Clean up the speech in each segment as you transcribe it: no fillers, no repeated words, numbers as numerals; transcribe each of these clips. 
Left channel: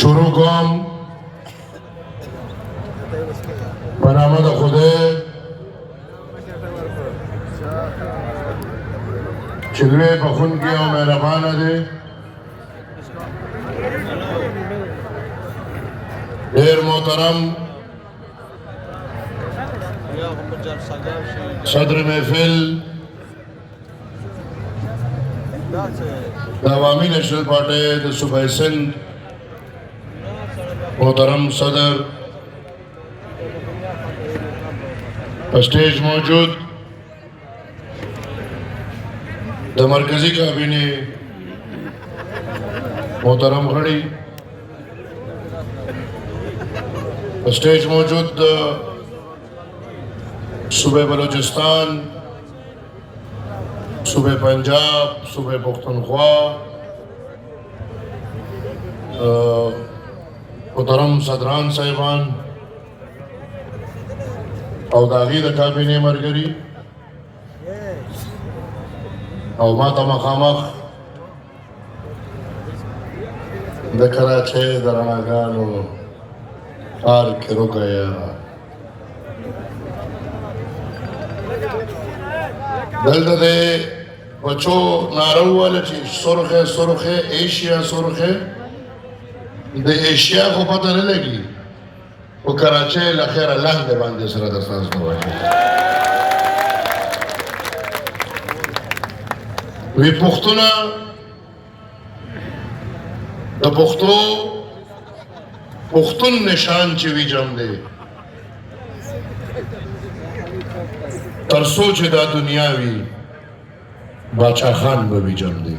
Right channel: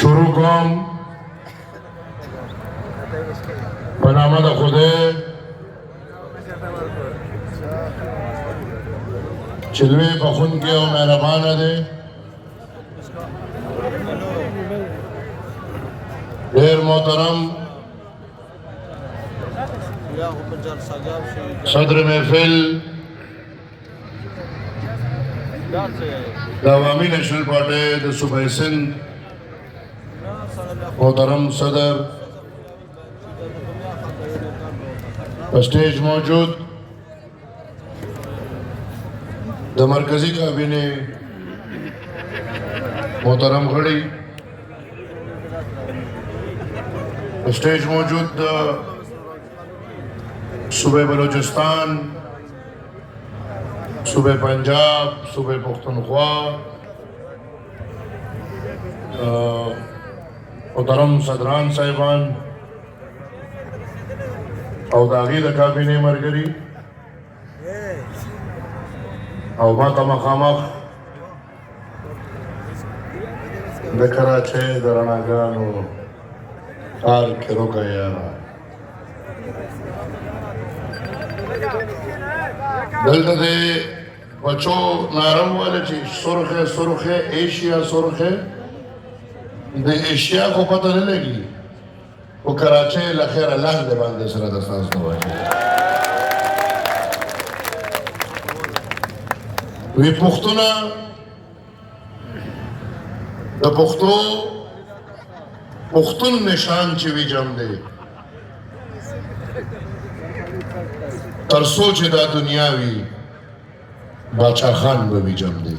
شروع کوم په نامه د خدای چې لوی بخښونکی او مهربانه دی. ډېر محترم صدر محفل د عوامي نیشنل پارټۍ د صوبه سندھ محترم صدر په سټیج موجود د مرکزی کابینه محترم غړي په سټیج موجود د صوبه بلوچستان، صوبه پنجاب، صوبه پختونخوا، محترم صدران صاحبان او د هغې د کابینې ملګري او ما ته مخامخ د کراچۍ د رڼاګانو ښار کې روږیا دلته د بچو ناره وویله چې سرخې سرخې ایشیا سرخې د ایشیا خو پته نه لګي خو کراچۍ له خیره لاندې باندې سره د ساز نه وایي وی پښتونه د پښتو پښتون نشان چې وي جام دی تر څو چې دا دنیا وي باچا خان به وي جام دی.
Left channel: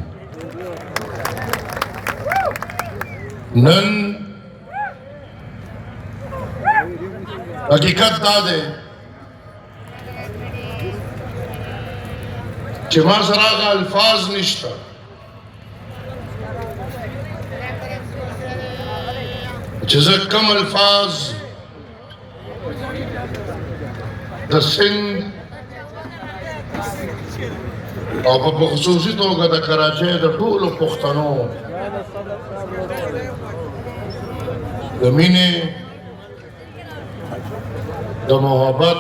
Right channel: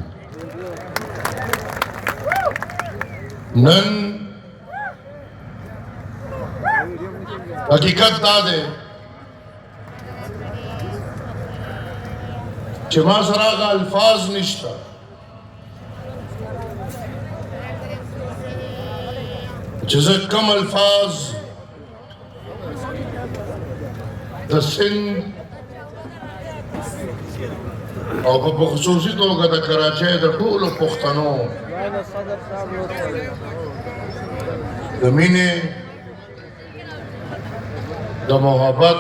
نن حقیقت دا دی چې ما سره هغه الفاظ نشته چې زه کم الفاظ د سند او په خصوصي توګه د کراچۍ د ټولو پښتنو د مینې د محبت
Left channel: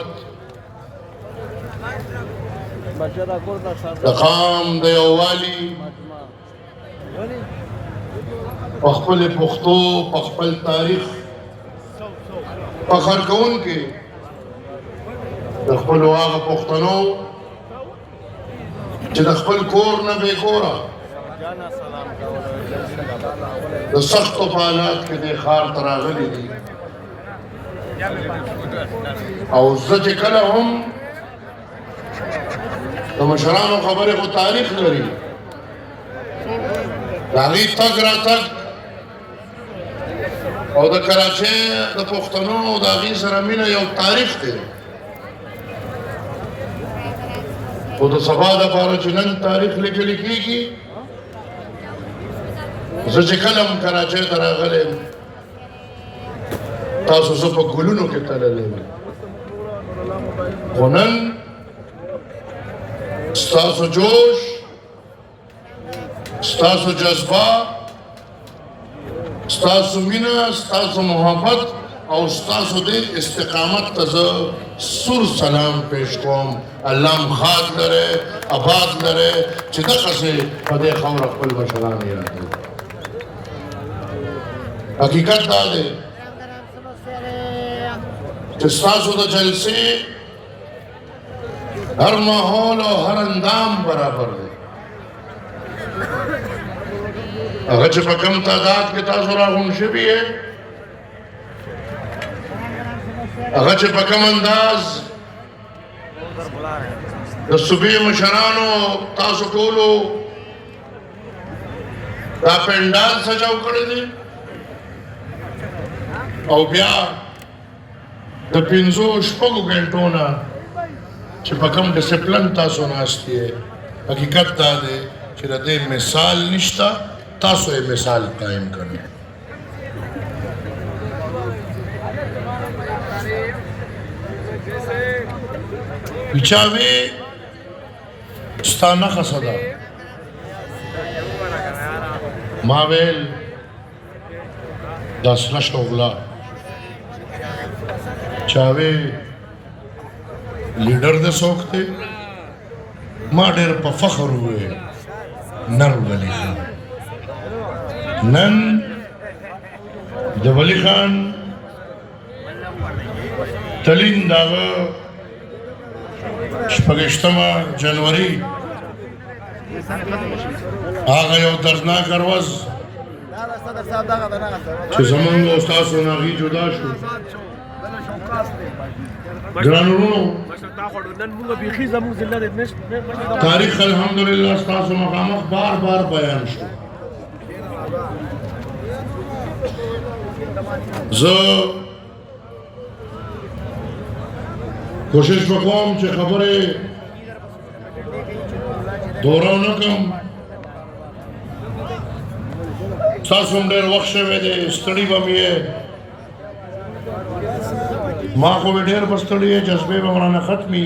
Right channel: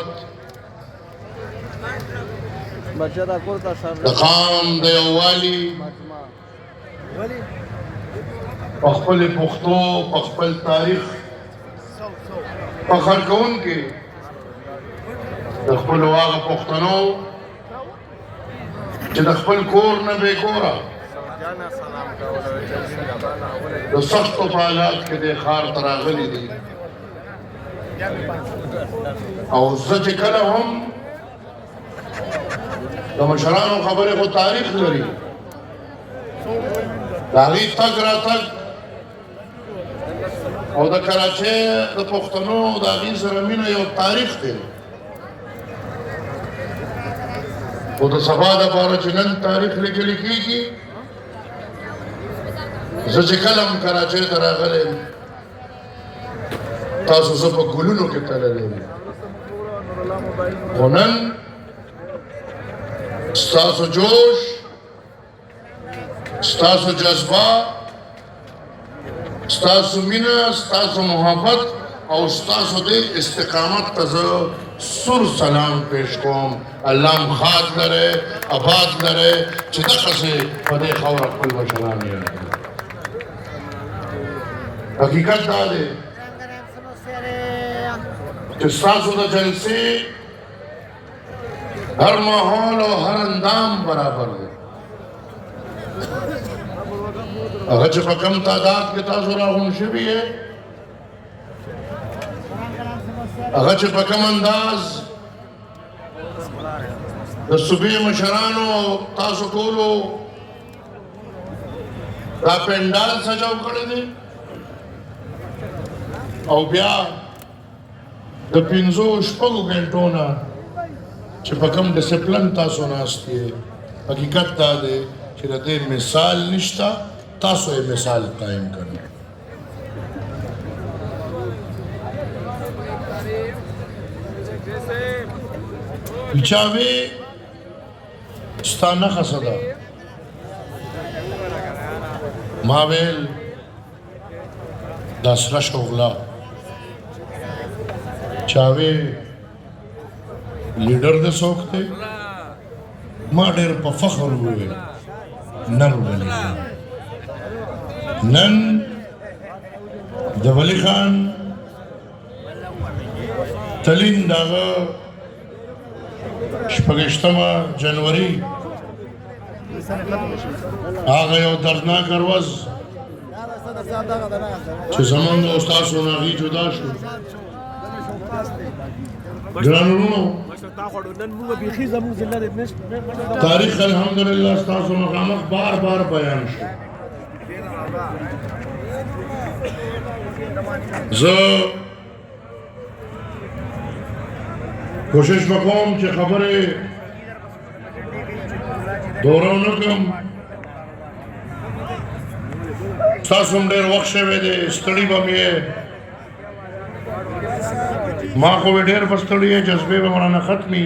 د قام د یووالي په خپل پښتو په خپل تاریخ فخر کوونکي د خپلو هغه پښتنو چې د خپل کور نه بې کوره د سختو په حالات کې دې ښار ته راغلي دي او زه چې کله هم د مشرانو خبرې خو تاریخ لري د هغې تګ راتګ او د کراچۍ د پښتنو د هغې سره مینه یو تاریخ دی خو د سبا دپاره چې نن تاریخ لیکلی کېږي زه چې کله هم کراچۍ ته راغلی یم تاسو زه په ګلونو کې تللی یم خو نن ستاسو جوش ستاسو جذبه ستاسو مینه ستاسو محبت او ستاسو د استقامت ته زه سور سلام پیش کوم. الله مو ښاد لرئ آباد لرئ چې دغسې په دې خاوره خپل مشران یاد کړي. حقیقت دا دی چې ستاسو د جلسې هر ماحول او هر اندام برابر دی. هغه چې په کم تعداد کې تاسو راغونډ شوي یې هغه چې په کم انداز د صوبې مشرانو تاسو ټولو دا پنډال سجاو کړی دی او بیا د 5-6 غنټو نه چې په کم ډسپلن تاسو ناست یې حقیقت دا دی چې د دې مثال نشته تاسو یې مثال قایم کړئ. چاوی ستا نښه څه ده؟ ما ویل داسلا شغلہ چاوے لیڈر دے سوکتے ماں دیر پا فخر ہوئے نر ولی خان نن دا ولی خان تلین داغا شپگشتم جنوری آگا یو دردناک اروز چھ زمانگا استاد سوناغی جدا شو گرانورونو تاریخ الحمدللہ استاد سوناغامق بار بار بیان شو زو کوشش بکوم چھ خبرے دورونکم ساسون دیر وقت شوے دے استڑی بامیے ماں کو بھی دیر بستڑی ہے جذبے رورانا ختمی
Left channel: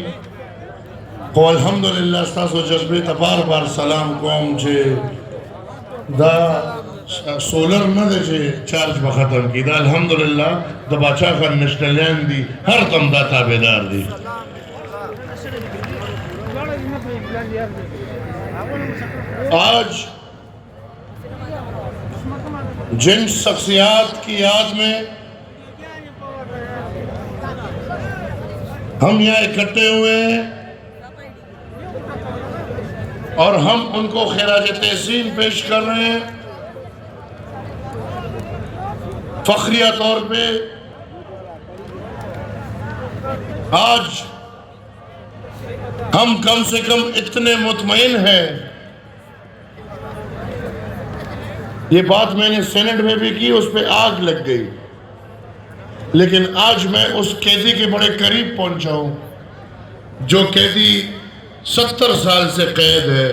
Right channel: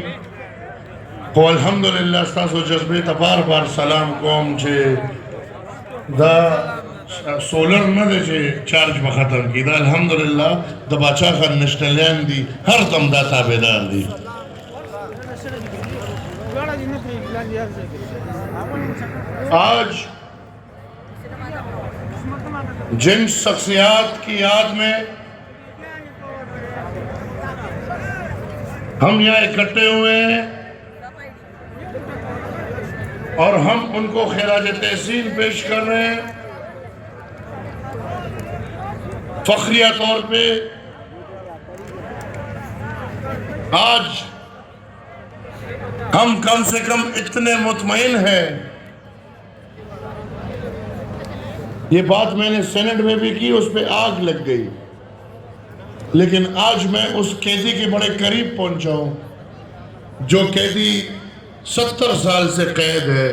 کو الحمدللہ استاسو جذبے تا بار بار سلام کوم چھے دا سولر نہ دے چھے چارج بختم کی دا الحمدللہ دا باچا خان نشتلین دی ہر دم دا تابدار دی آج جن شخصیات کی یاد میں ہم یہاں اکٹھے ہوئے ہیں اور ہم ان کو خراج تحسین پیش کر رہے ہیں فخریہ طور پہ آج ہم کم سے کم اتنے مطمئن ہیں یہ بات میں نے سینٹ میں بھی کی اس پہ آگ لگ گئی لیکن آج میں اس قیدی کے بڑے قریب پہنچا ہوں جو قیدی 70 سال سے قید ہے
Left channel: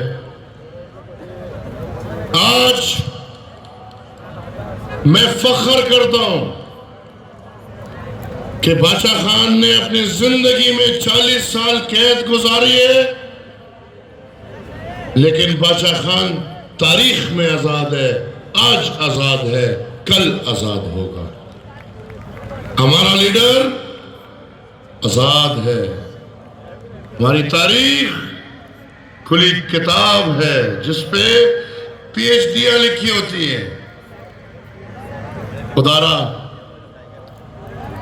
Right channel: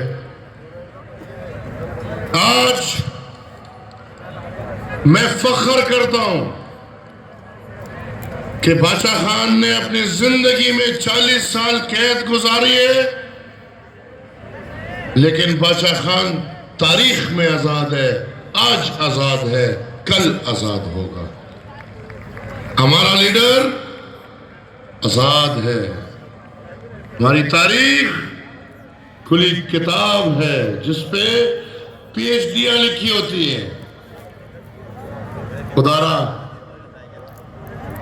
آج میں فخر کرتا ہوں کہ باچا خان نے اپنی زندگی میں 40 سال قید گزاری ہے لیکن باچا خان تاریخ میں آزاد ہے آج آزاد ہے کل آزاد ہوگا ہمارا لیڈر آزاد ہے ہماری تاریخ کھلی کتاب ہے جس پہ پی ایچ ڈیاں لکھی ہوتی ہیں خدارا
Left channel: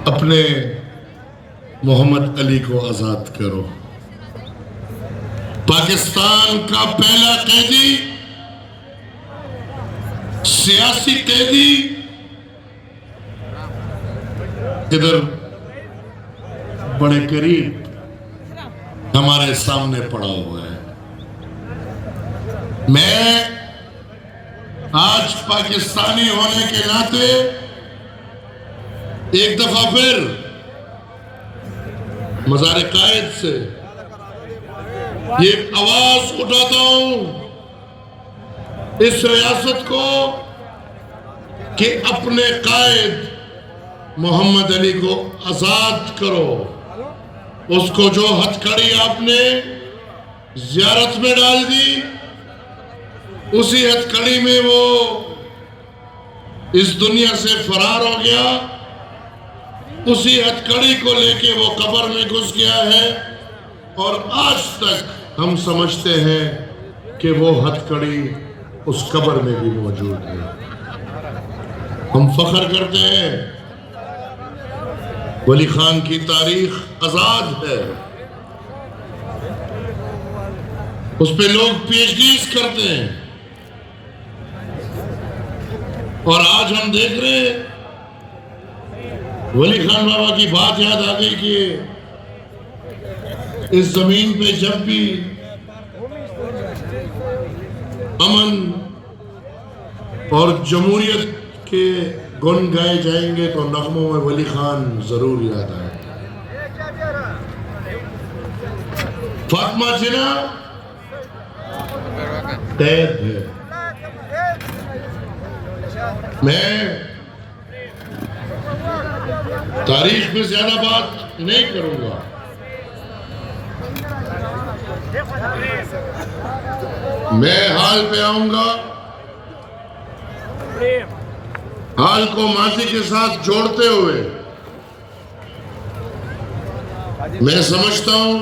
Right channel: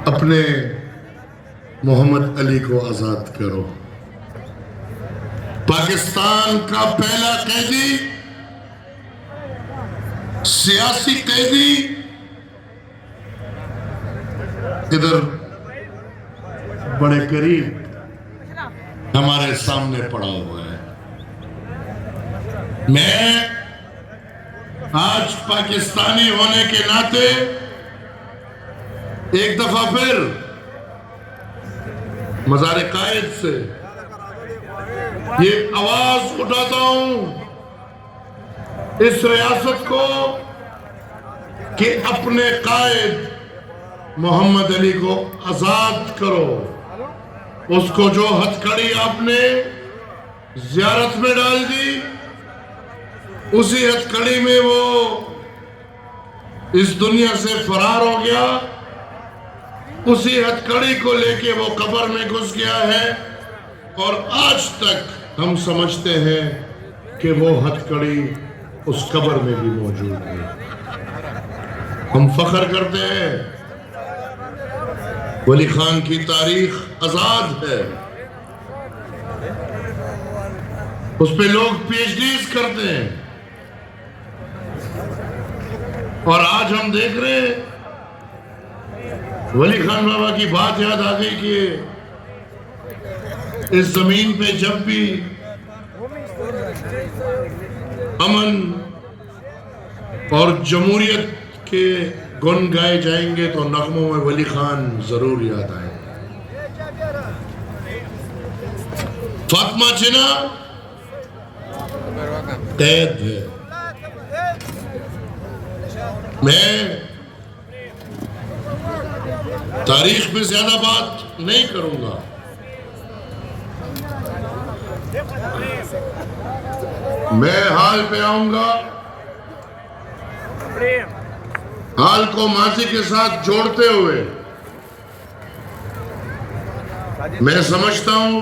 اپنے محمد علی کو آزاد کرو پاکستان کا پہلا قیدی سیاسی قیدی ادھر بڑے قریب ہمارے سامنے پڑا ہوا ہے میں آج پاکستانی ہونے کے ناطے ایک دفعہ پھر مزار قائد سے یہ آواز اٹھاتا ہوں اس ریاست کو کہ اپنے قائد محمد علی کو آزاد کرو اس کو جو ہتھکڑی آپ نے زیارت میں ڈال دی اسی ہتھکڑی میں وہ اس دنیا سے فرار ہو گیا اسی ہتھکڑی کو لے کے وہ قبر میں گھس گیا ہے اور آج تک ہم سمجھتے ہیں کہ وہ ہتھکڑی اس قبر میں بھی موجود ہے ہم فخر کرتے ہیں ولی خان کی تاریخ آزاد ہے اس پہ لوگ پی ایچ ڈیز کرتے ہیں اور آج ہم دیکھ رہے ہیں ولی خان بابا کی بات یاد آ گئی کہ اس زمین پہ جب بھی امن اور جمہوریت کے گن گائے جائیں گے تو نغموں میں ولی خان ضرور یاد آئے فاطمہ جناح قید ہے میں تاریخ میں زیادہ بات نہیں کروں گا میں حال پہ آؤں گا حال کو ماضی کے ساتھ جوڑتے ہوئے میں سمجھتا ہوں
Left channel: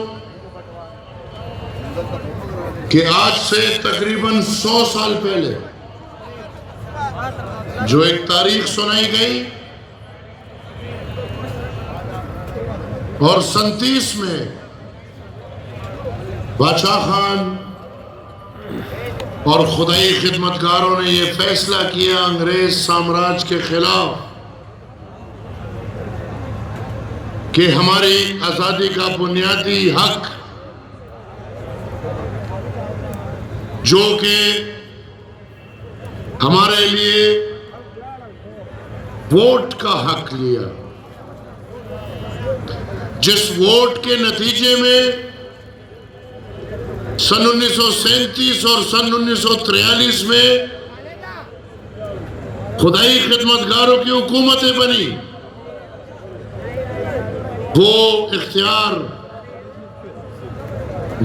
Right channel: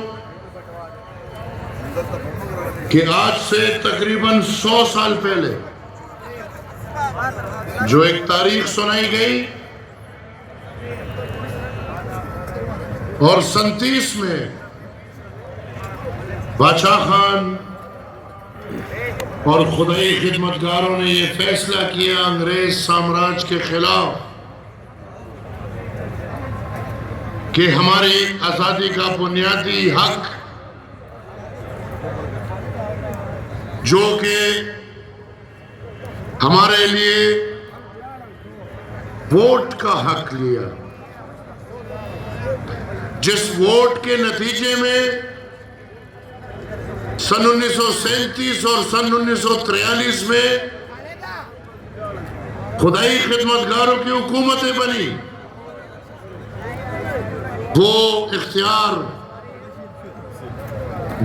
کہ آج سے تقریباً 100 سال پہلے جو ایک تاریخ سنائی گئی اور 37 میں بادشاہ خان اور خدائی خدمتگاروں نے یہ فیصلہ کیا انگریز سامراج کے خلاف کہ ہماری آزادی کا بنیادی حق جو کہ ہمارے لیے ووٹ کا حق لیا، جس ووٹ کے نتیجے میں سن 1937 اور سن 1943 میں خدائی خدمتگاروں کی حکومتیں بنی، وہ اختیار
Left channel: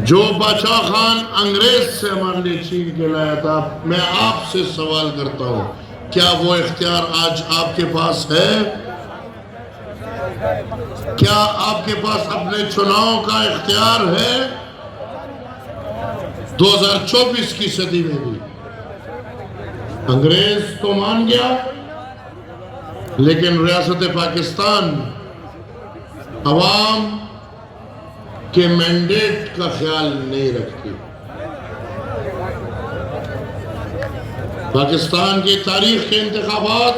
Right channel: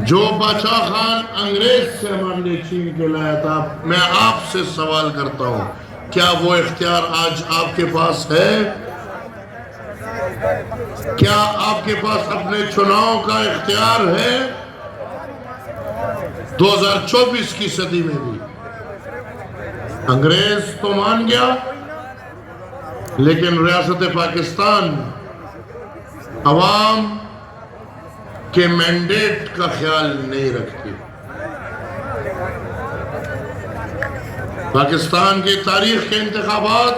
جو بادشاہ خان انگریز سے ہمارے لیے چھین کے لایا تھا، میں آپ سے سوال کرتا ہوں کیا وہ اختیار آج آپ کے پاس ہے؟ کیا آپ کے پاس اپنے چناؤ کا اختیار ہے؟ 2024 کی صدی میں بھی انگریز تو مان گیا، لیکن ریاست پاکستان عوام کے مینڈیٹ کا خیال نہیں رکھتی۔ پاکستان کی تاریخ کے انتخابات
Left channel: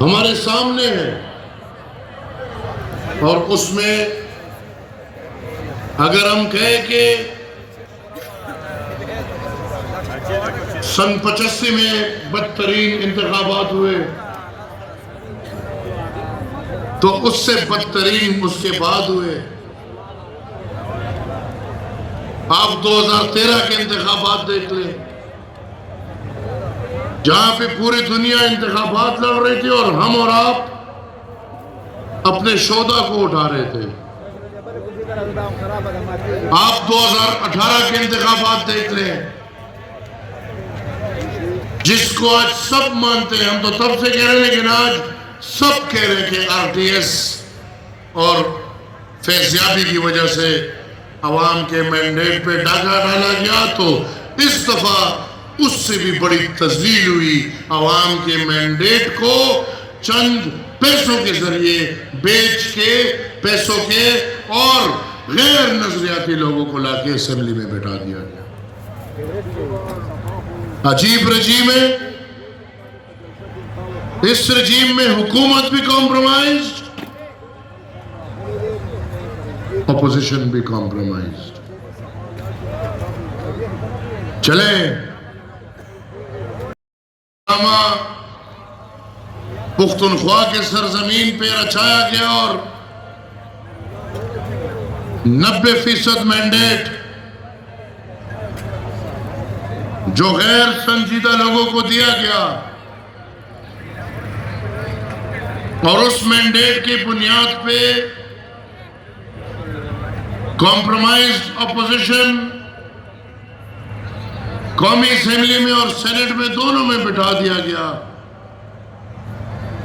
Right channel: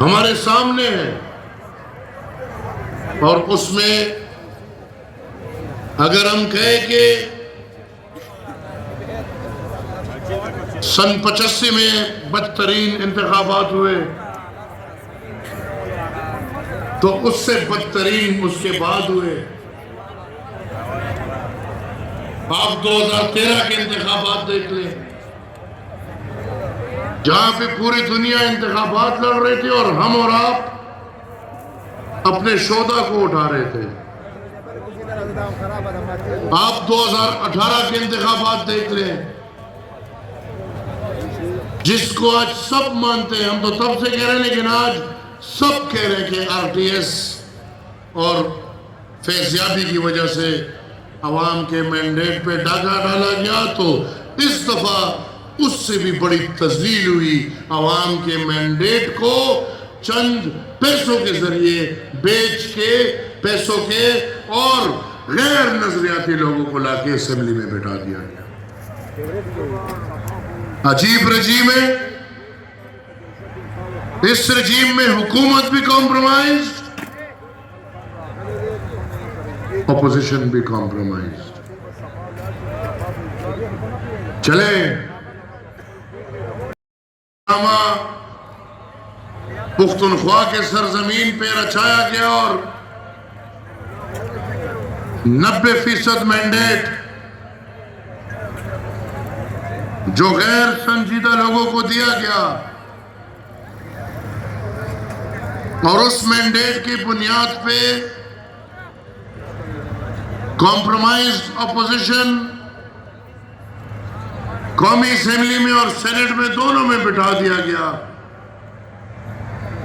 ہمارے سامنے ہیں، اور اس میں اگر ہم کہیں کہ سن 85 میں بدترین انتخابات ہوئے تو اس سے بدترین اس کے بعد ہوئے۔ آپ 2013 کے انتخابات دیکھ لیں، جہاں پہ پوری دنیا انتخابات لڑ رہی تھی اور ہم اور آپ اپنے شہدا کو اٹھا رہے تھے۔ آپ 2018 کے انتخابات دیکھ لیں، جس کو آج سب مانتے ہیں، ہم تو تب سے کہہ رہے ہیں لیکن آج سب کہہ رہے ہیں کہ آر ٹی ایس اور فیضیابی کی وجہ سے عوام کے مینڈیٹ پہ ڈاکہ ڈالا گیا، تو اس دفعہ اس سے بھی بڑی تذلیل ہوئی۔ عوام کے مینڈیٹ کو چند پیسوں کے ذریعے بیچ کے، پیسوں کے اور غیر نظریاتی لوگوں کو لا کے اسمبلی میں بٹھا دیا گیا۔ عجیب رجیم ہے، اس رجیم میں حکومت بھی کمپرومائزڈ، اپوزیشن بھی کمپرومائزڈ۔ چلیں پختونخوا کے سرزمین پہ رچایا گیا اور 90% مینڈیٹ جو غیر سنجیدہ لوگوں کو دیا گیا، اور اس مینڈیٹ کی بنیاد پہ کمپرومائزڈ اپوزیشن قومی اسمبلی میں اور سینٹ میں دونوں میں بٹھا دیا گیا۔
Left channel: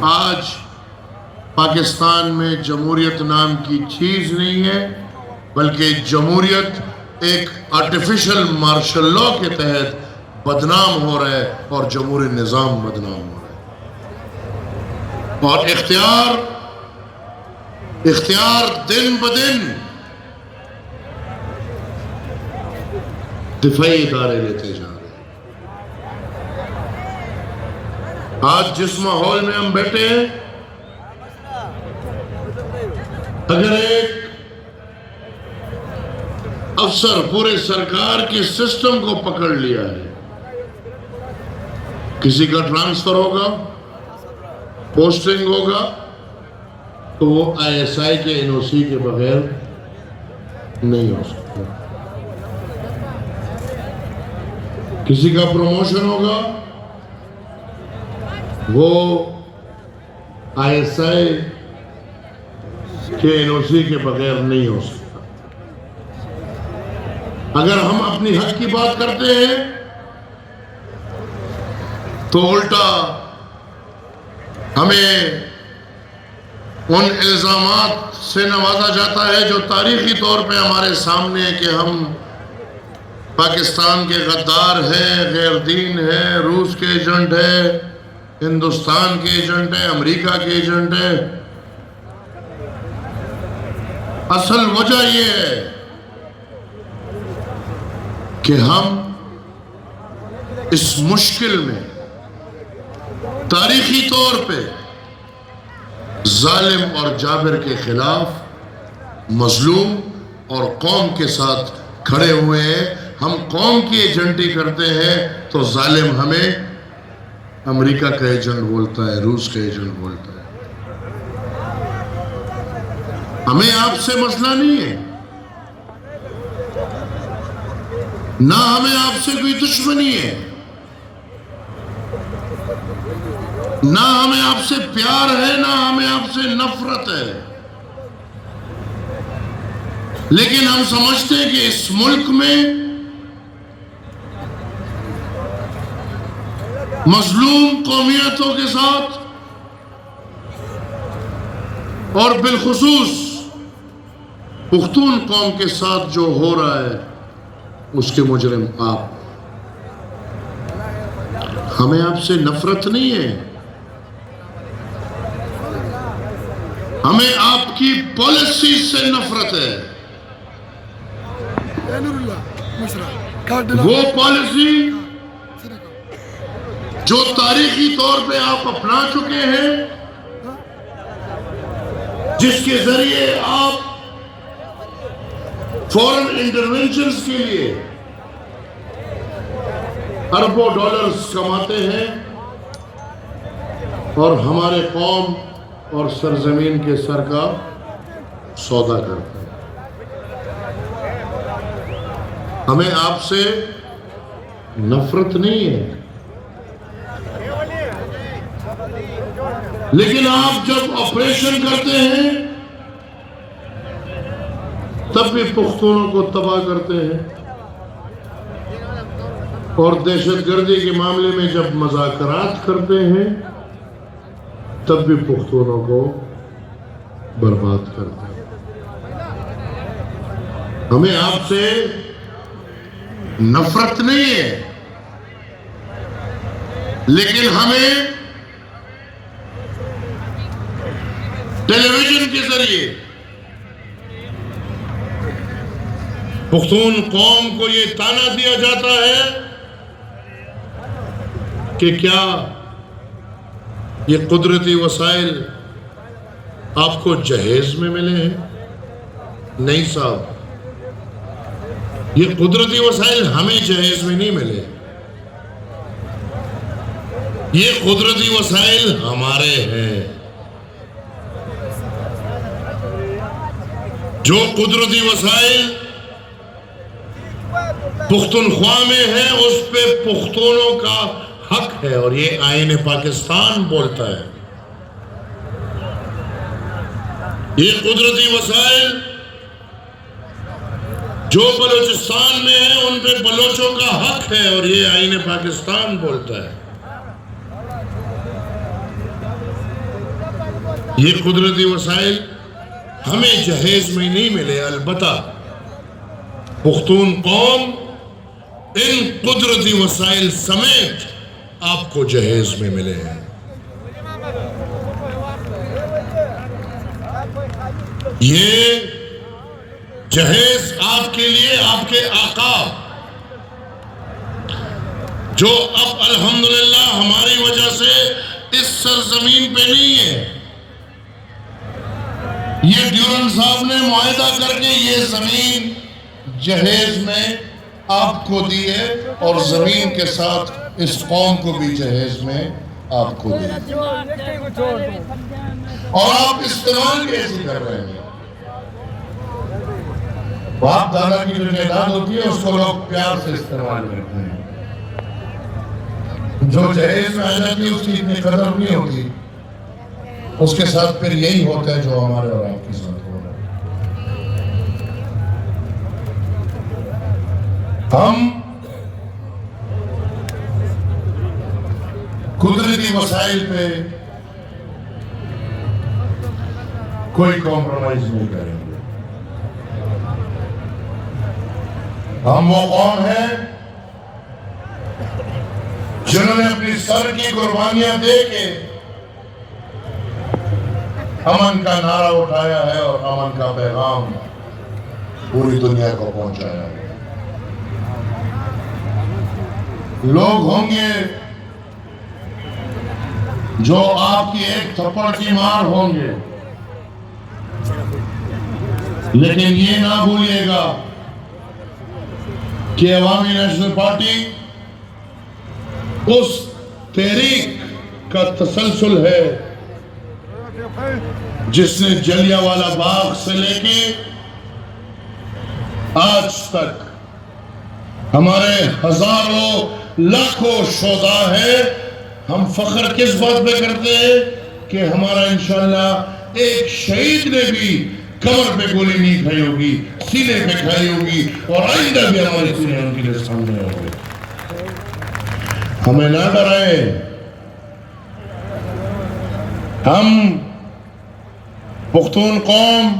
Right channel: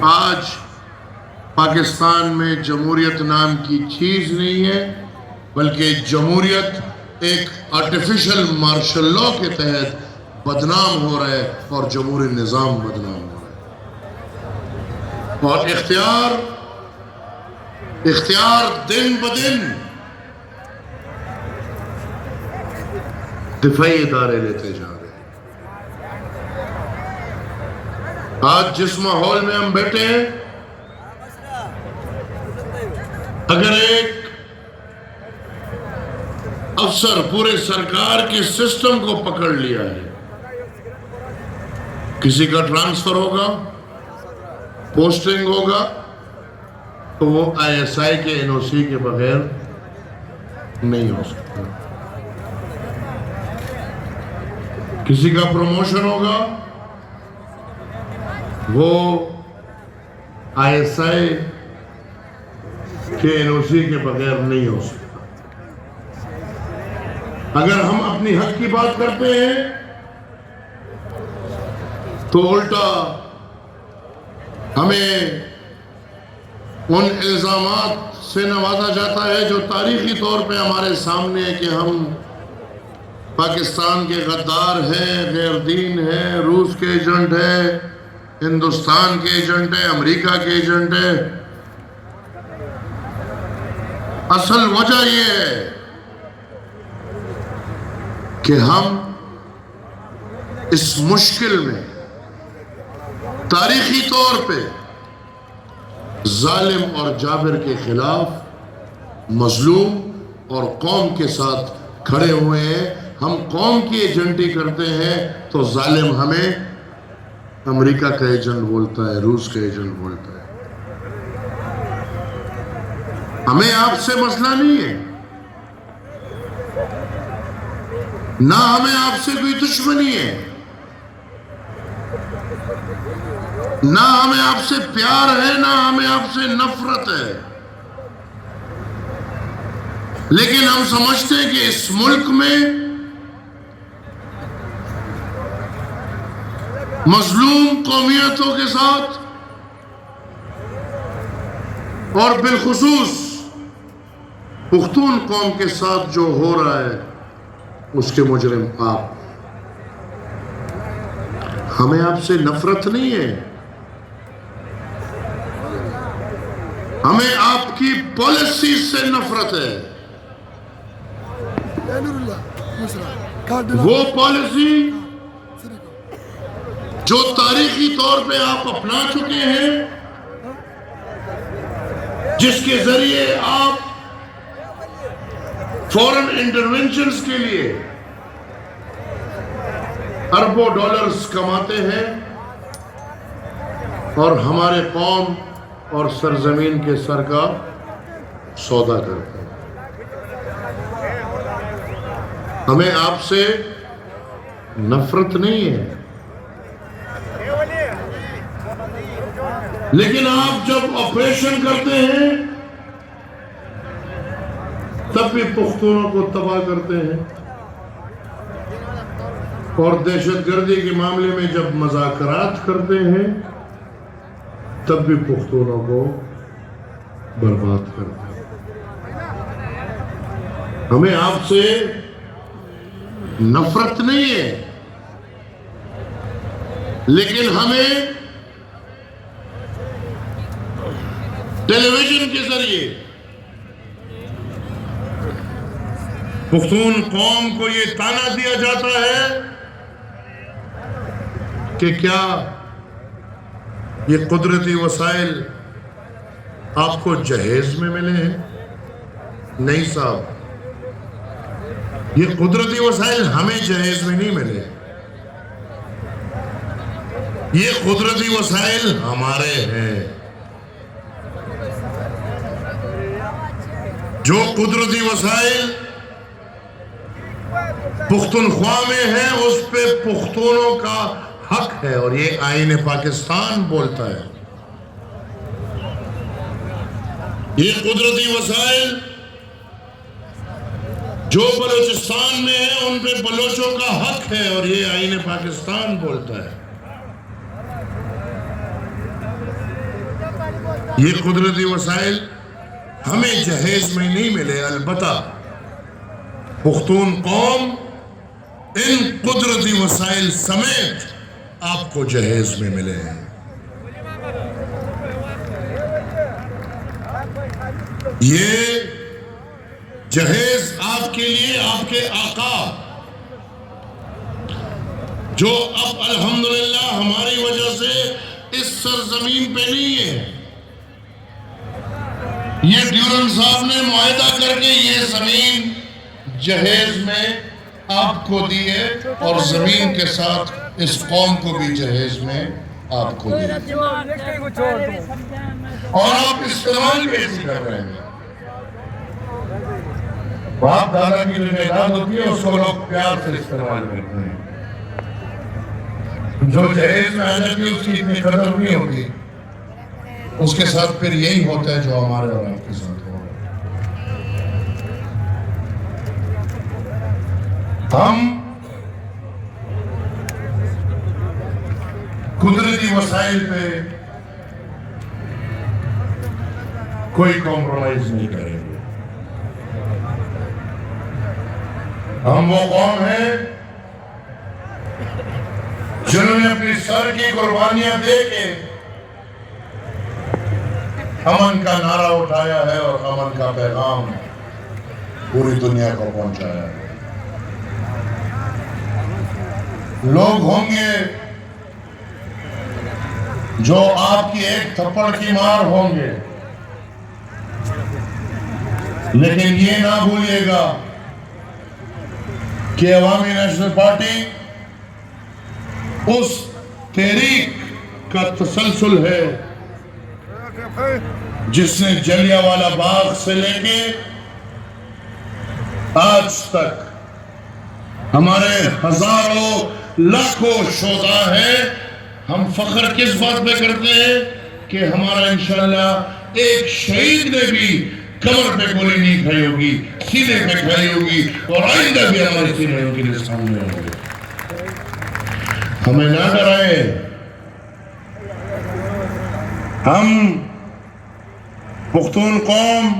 آج پاکستان میں جمہوریت نام کی چیز نہیں ہے، بلکہ جمہوریت ایک آرٹیفیشل مارشل لا کے تحت بدنام ہو رہا ہے اور جمہوری نظام بدنام ہو رہا ہے، اور اختیار دن بدن دفاعی ادارے لیتے جا رہے ہیں۔ آج جس ماحول میں ہم بیٹھے ہیں، اگر ایک افسر پورے سرکار کے سسٹم کو پکڑ لیا ہے، کسی کا ٹرانسفر ہوگا، پوسٹنگ ہوگا، تو وہ آئی ایس آئی کے این او سی کے بغیر نہیں ہو سکتا۔ کسی کا پروموشن ہوگا، وہ آئی ایس آئی کے این او سی کے بغیر نہیں ہو سکتا۔ اگر ہم اپنی حق کی بات کرتے ہیں تو الٹا ہمیں ان الزامات سے نوازا جاتا ہے جو تاریخی طور پہ ہمارے سامنے ہے کہ ہم پاکستان کے غدار ہیں، غیر دین ہیں، روس کے ایجنٹ ہیں، ہندوستان کے ایجنٹ ہیں، امریکہ کے ایجنٹ ہیں۔ اصل وجہ یہ ہے کہ ہم اس مشکل میں تاریخی طور پہ ظالم اور جابر کے خلاف مظلوم اور قوم کے ساتھ کھڑے ہوئے ہیں۔ ہم قوم کی ایجنٹی کرتے ہیں تو ظالم ہمیں امریکہ کا ایجنٹ بولتا ہے، روس کا ایجنٹ بولتا ہے۔ ہمیں آپ سے مسئلہ نہیں ہے، نہ ہمیں آپ سے کوئی دشمنی ہے، نہ ہمیں آپ سے پیار ہے، نہ ہمیں آپ سے نفرت ہے، لیکن ہم سمجھتے ہیں کہ اس ملک میں مظلوم قومیتوں کے ساتھ اور بالخصوص پختون قوم کے ساتھ جو ہو رہا ہے اس کے مجرم آپ۔ ہمیں آپ سے نفرت نہیں ہے، ہمیں آپ کی پالیسی سے نفرت ہے۔ وہ پالیسی جو تاریخی طور پہ آپ اپنا چکے ہیں، جس کے ذریعے آپ فورن انٹرونشنز کے لیے اربوں ڈالرز کماتے ہیں اور ہمارے قوم اور سرزمین کے سر کا سودا کرتے ہیں۔ ہمیں آپ سے نفرت نہیں ہے، لیکن آپ جب آپریشن کرتے ہیں تب بھی پختونوں کو تباہ کرتے ہیں، اور دہشت گردی کے معاملے میں جب مذاکرات کرتے ہیں تب بھی پختونوں کو برباد کرتے ہیں۔ ہمیں آپ سے نفرت نہیں ہے، لیکن ہمیں ٹیلی ویژن کے ذریعے پختون قوم کو یہ تانا دیا جاتا ہے کہ کیا یہ قدرتی وسائل آپ کو جہیز میں ملے ہیں؟ نہیں صاحب، یہ قدرتی وسائل ہمیں جہیز میں نہیں ملے، یہ قدرتی وسائل ہمارے ہیں۔ جو قدرتی وسائل پختونخوا میں ہیں اس پہ پختونوں کا حق ہے، اور یہ آئین پاکستان بولتا ہے۔ یہ قدرتی وسائل جو بلوچستان میں ہیں ان پہ بلوچوں کا حق ہے، اور یہ آئین پاکستان بولتا ہے۔ یہ قدرتی وسائل ہمیں جہیز میں نہیں ملے، البتہ پختون قوم ان قدرتی وسائل سمیت آپ کو جہیز میں ملے ہیں۔ یہ جہیز آپ کے لیے آپ کے آقا جو اب الحمدللہ ہماری وجہ سے اس سرزمین پہ نہیں ہے، یہ ڈیورن صاحب نے معاہدہ کر کے یہ زمین جہیز میں آپ کو دی ہے، اور زمین کے ساتھ اس قوم کو بھی جہیز میں آپ کو دی ہے، اور آپ استعمال کیسے کر رہے ہیں؟ باپ دادا کی جو جائیداد ہوتی ہے اس کو لوگ پیار سے استعمال کرتے ہیں، جو جہیز میں آ جاتی ہے اس کی اتنی قدر نہیں ہوتی، اس کے ساتھ پھر یہی ہوتا ہے جو ہمارے اور آپ کے ساتھ ہو رہا ہے۔ ہم قدرتی وسائل پہ کوئی کمپرومائز نہیں کریں گے. ہم وہ قوم ہیں جنہوں نے اپنی سر کی قربانیاں دے کے امن کا نعرہ اٹھایا ہے اور امن کا پیغام پوری دنیا کو پہنچایا ہے. لوگ ہوں گے جو آپ کی ایک تھپڑ کی مار ہوں گے، لیکن یہ نہ بھولیے گا کہ عوامی نیشنل پارٹی اس تحریک کا تسلسل ہے جس نے جلیانوالہ باغ سے لے کے آج تک ہمارے ہزاروں لاکھوں شہداء ہیں. ہم فخر کس بات پہ کرتے ہیں کہ ہمارا انشاءاللہ ایک شہید نے بھی کمر پہ گولی نہیں کھائی ہوگی، سینے پہ کھائی ہوگی، اور آئندہ بھی ہماری سینے ان کے لیے سامنے ہوگی. ہمیں نہ ڈرائے. ہم پختون قوم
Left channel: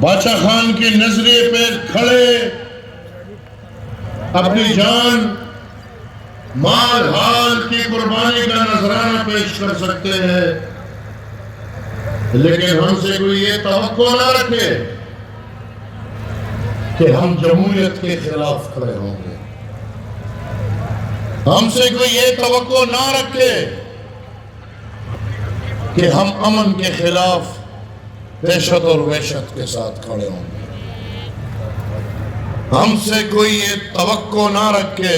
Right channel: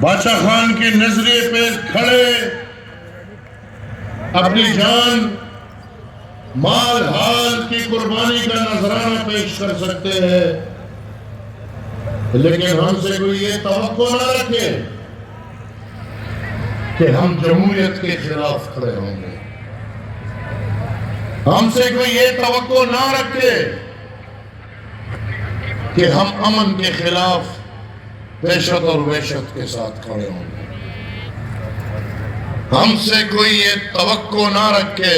بادشاہ خان کے نظریے پہ کھڑے اپنی جان مال حال کی قربانی کا نذرانہ پیش کر سکتے ہیں، لیکن ہم سے کوئی یہ توقع نہ رکھے کہ ہم جمہوریت کے خلاف کھڑے ہوں گے. ہم سے کوئی یہ توقع نہ رکھے کہ ہم امن کے خلاف دہشت اور وحشت کے ساتھ کھڑے ہوں گے. ہم سے کوئی یہ توقع نہ رکھے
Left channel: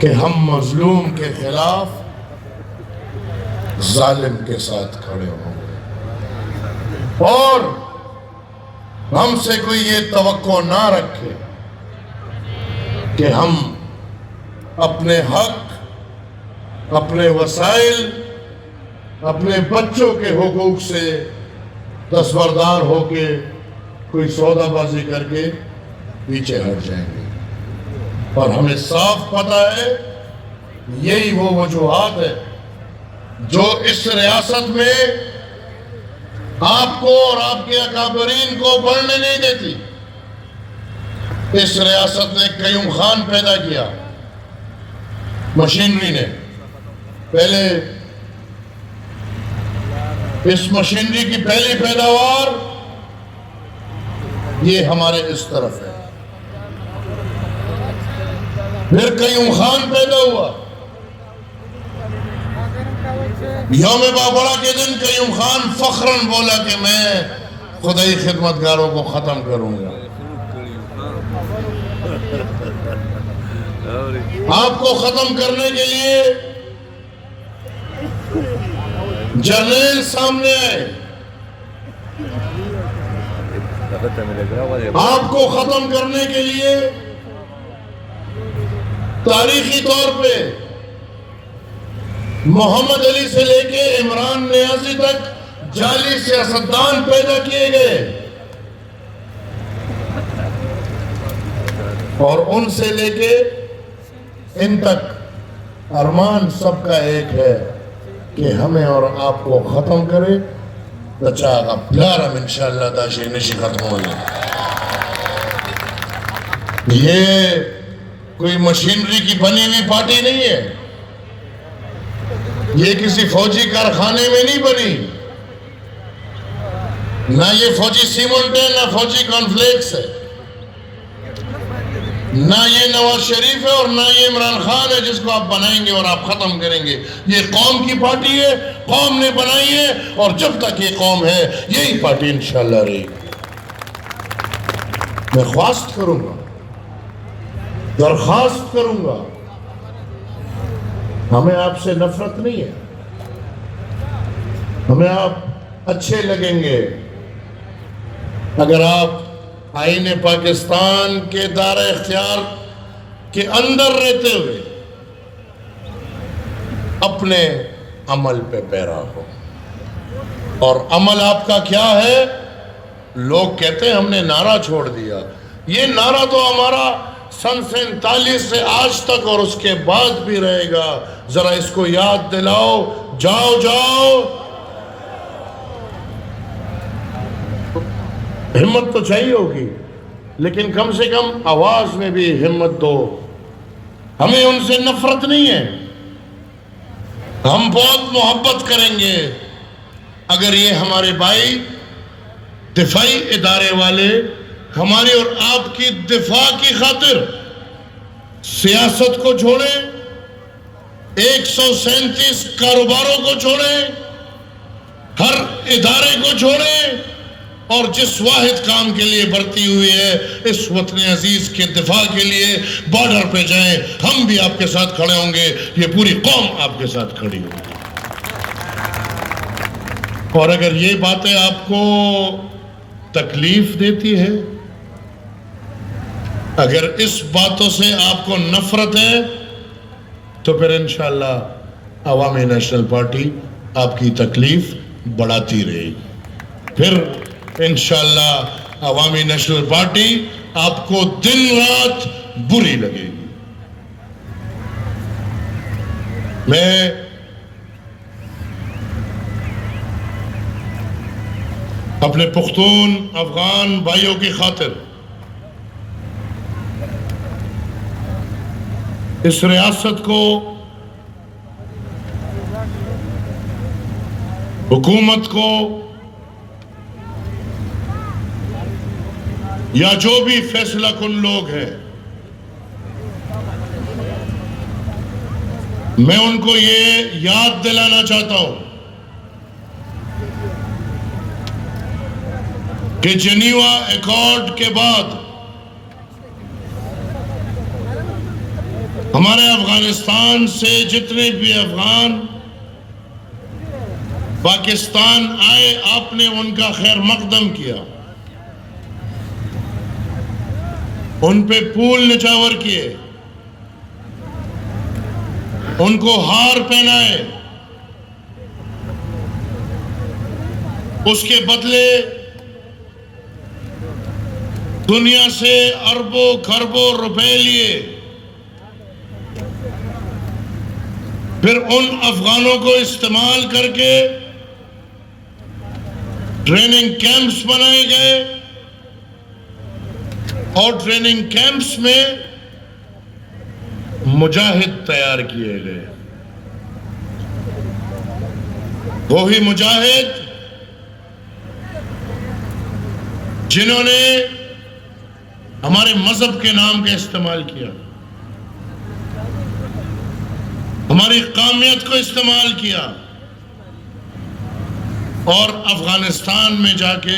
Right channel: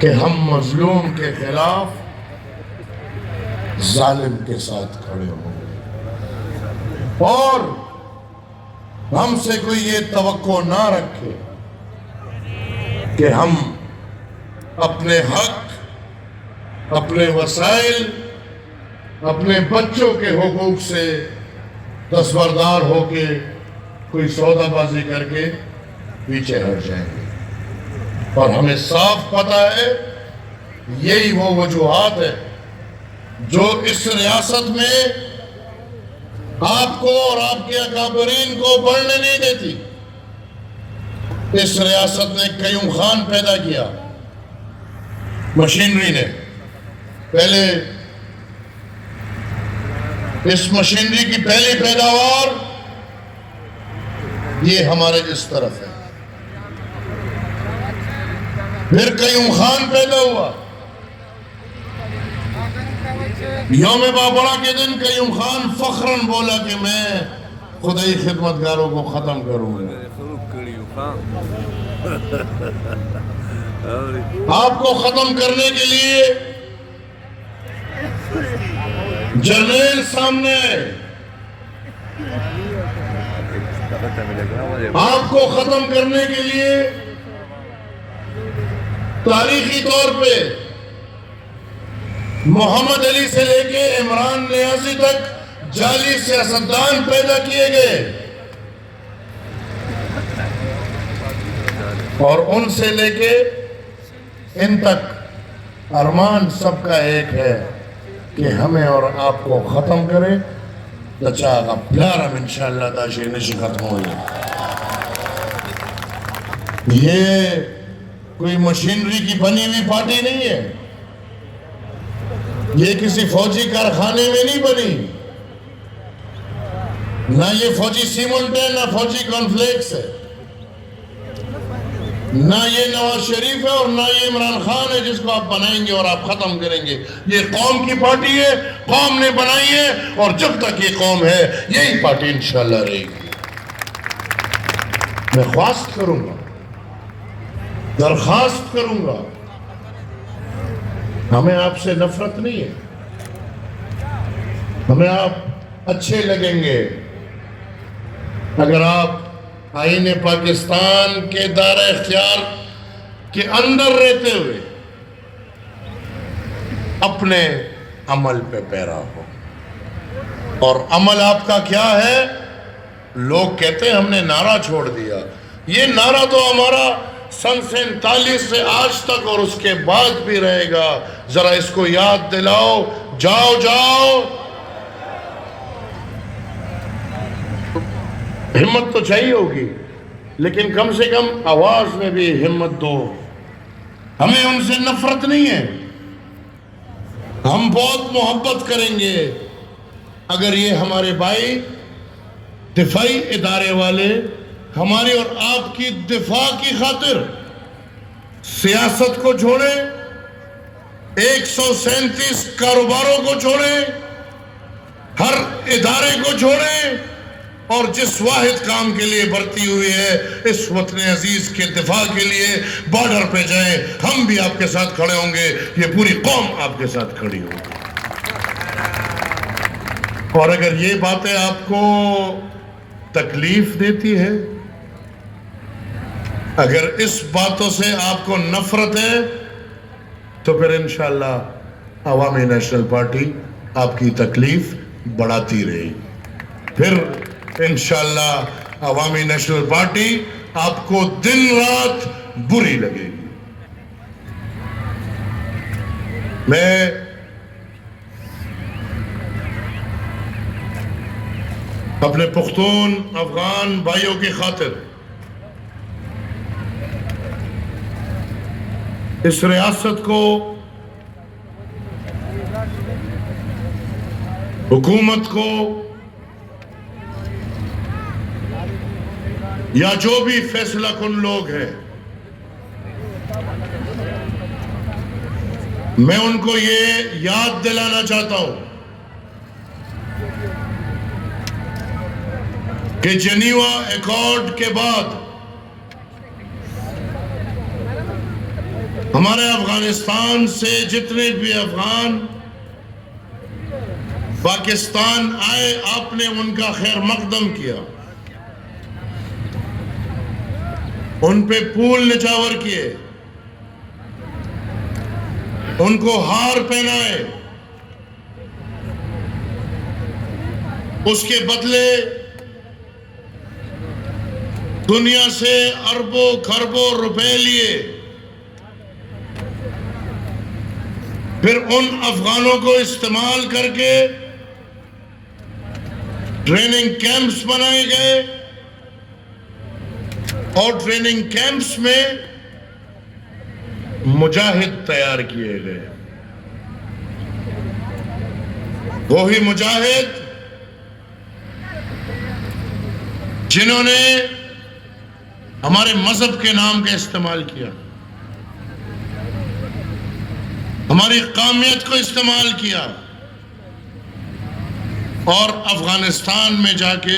کہ ہم مظلوم کے خلاف ظالم کے ساتھ کھڑے ہوں گے، اور ہم سے کوئی یہ توقع نہ رکھے کہ ہم اپنے حق، اپنے وسائل، اپنے بچوں کے حقوق سے دستبردار ہو کے کوئی سودا بازی کر کے پیچھے ہٹ جائیں گے. اور ہمیں صاف پتہ ہے یہی وہ وجوہات ہے جو اس ریاست میں آپ کو اور آپ کے اکابرین کو بڑھنے نہیں دیتی. اس ریاست نے قیوم خان پیدا کیا، مشینری نے. پہلے اس مشینری کی پہلی پیداوار یہ ہمارے اس طرف ہے. پھر قیوم خان پیدا ہوا. یوم بابڑا کے دن قیوم خان فخراً بولا کہ میں خدائی خدمتگاروں کو ختم کروں گا. آپ کو ختم کرنے کے لیے جرنیل سامنے آئے. آپ کو ختم کرنے کے لیے تاریخی طور پہ محمد علی سے لے کے عمران نیازی تک جعلی سیاستدان پیدا کیے گئے، اور ان سے لے کے ان تک ارمان سب کا ایک ہے کہ ہمیں اور آپ کو ختم کرے. چاہا پیارم انشاءاللہ داشر نشی ختم ہوئی. یہ کوئی مشینری کی بنی ہوئی پارٹی نہیں ہے. یہ کسی فوجی کارخانے میں نہیں بنی. نہ یہ فوجی سیمنٹ ہے، نہ فوجی کانفلیکس ہے، نہ یہ نواز شریف ہے، اور نہ یہ عمران خان ہے جس کو آپ بنائیں گے اور آپ ختم کریں گے. یہ قوم کی پارٹی ہے، قوم نے بنائی ہے، اور جب تک یہ قوم ہے یہی پارٹی انشاءاللہ رہے گی. میں خواست کروں گا، درخواست کروں گا، ہمیں آپ سے نفرت نہیں ہے. ہمیں آپ اچھے لگیں گے اگر آپ آئین پاکستان کے دائرہ اختیار کے اندر رہتے ہوئے اپنے عمل پہ پیرا ہو. اور عمل آپ کا کیا ہے؟ لوگ کہتے ہیں ہم نے نعرہ چھوڑ دیا. یہ نعرہ تو ہمارا سن 47 سے آج تک اور اس کے بعد بھی رہے گا. ذرا اس کو یاد دلاؤ. جاؤ جاؤ ہمت تو چاہیے ہوگی، لیکن کم سے کم آواز میں بھی ہمت دو. ہمیں ان سے نفرت نہیں ہے، ہم بہت محبت کریں گے اگر یہ ہمارے بھائی دفاعی ادارے والے ہماری اور آپ کی دفاع کی خاطر سیاست کو چھوڑیں، 137 کاروباروں کو چھوڑیں، ہر ادارے کو چھوڑیں، اور جس واحد کام کے لیے بھرتی ہوئی ہے اس وطن عزیز کے دفاع کے لیے بارڈر پہ جائیں. ہم بھی آپ کے ساتھ کھڑے ہوں گے، یہ پوری قوم آپ کے ساتھ کھڑی ہوگی. اور اگر یہ باتیں آپ کو تکلیف دیتی ہے، اگر اس باتوں سے آپ کو نفرت ہے، تو پھر انشاءاللہ عوامی نیشنل پارٹی آپ کی تکلیف بڑھاتی رہے گی. پھر انشاءاللہ عوامی نیشنل پارٹی آپ کو دن رات بری لگے گی. میں اپنے پختون افغان بھائیوں کی خاطر اس ریاست کو، حکومت کو، یا جو بھی فیصلہ کن لوگ ہیں، میں ان کو یہ یاد دلانا چاہتا ہوں کہ جنیوا ایکارڈ کے بعد ہمارے افغانستان سے جتنے بھی افغان پاکستان آئے، آپ نے ان کا خیر مقدم کیا، ان پہ پھول نچھاور کیے، ان کو ہار پہنائے. اس کے بدلے دنیا سے اربوں کھربوں روپے لیے. پھر ان افغانوں کو استعمال کر کے ٹریننگ کیمپس بنائے گئے، اور ٹریننگ کیمپس میں مجاہد تیار کیے گئے. وہی مجاہد جنہوں نے ہمارے مذہب کے نام کا استعمال کیا، ہماری قومیت کو استعمال کیا، اور افغانستان میں جا کے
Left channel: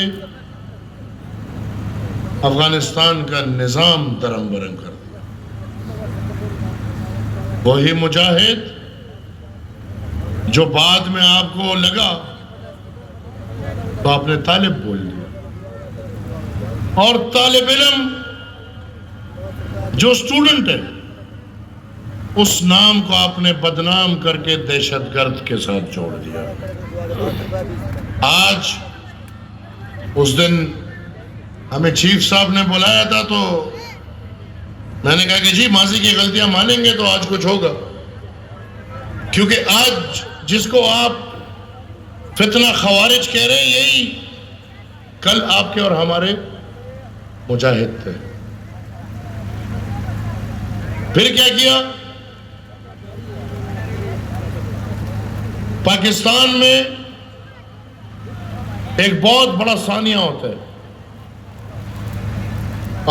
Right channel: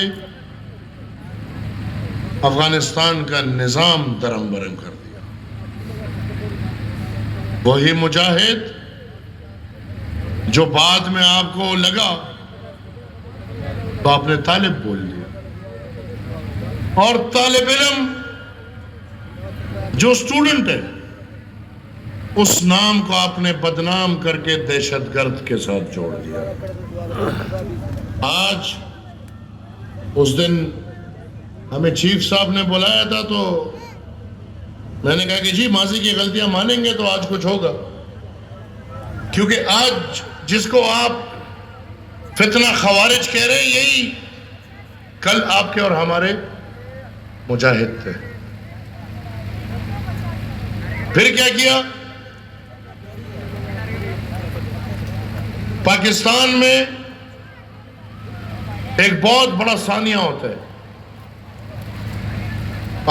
افغانستان کا نظام درم برم کر دیا. وہی مجاہد جو بعد میں آپ کو لگا تو آپ نے طالب بول دیا، اور طالب علم جو اسٹوڈنٹ ہے اس نام کو آپ نے بدنام کر کے دہشت گرد کے ساتھ جوڑ دیا. آج اس دن ہمیں چیف صاحب نے بلایا تھا تو میں نے کہا کہ جی ماضی کی غلطیاں مانیں گے تو آج کچھ ہوگا، کیونکہ آج جس کو آپ فتنہ خوارج کہہ رہے ہیں یہی کل آپ کے اور ہمارے مجاہد تھے. پھر کیا کیا؟ پاکستان میں ایک بہت بڑا ثانیہ ہوتا ہے،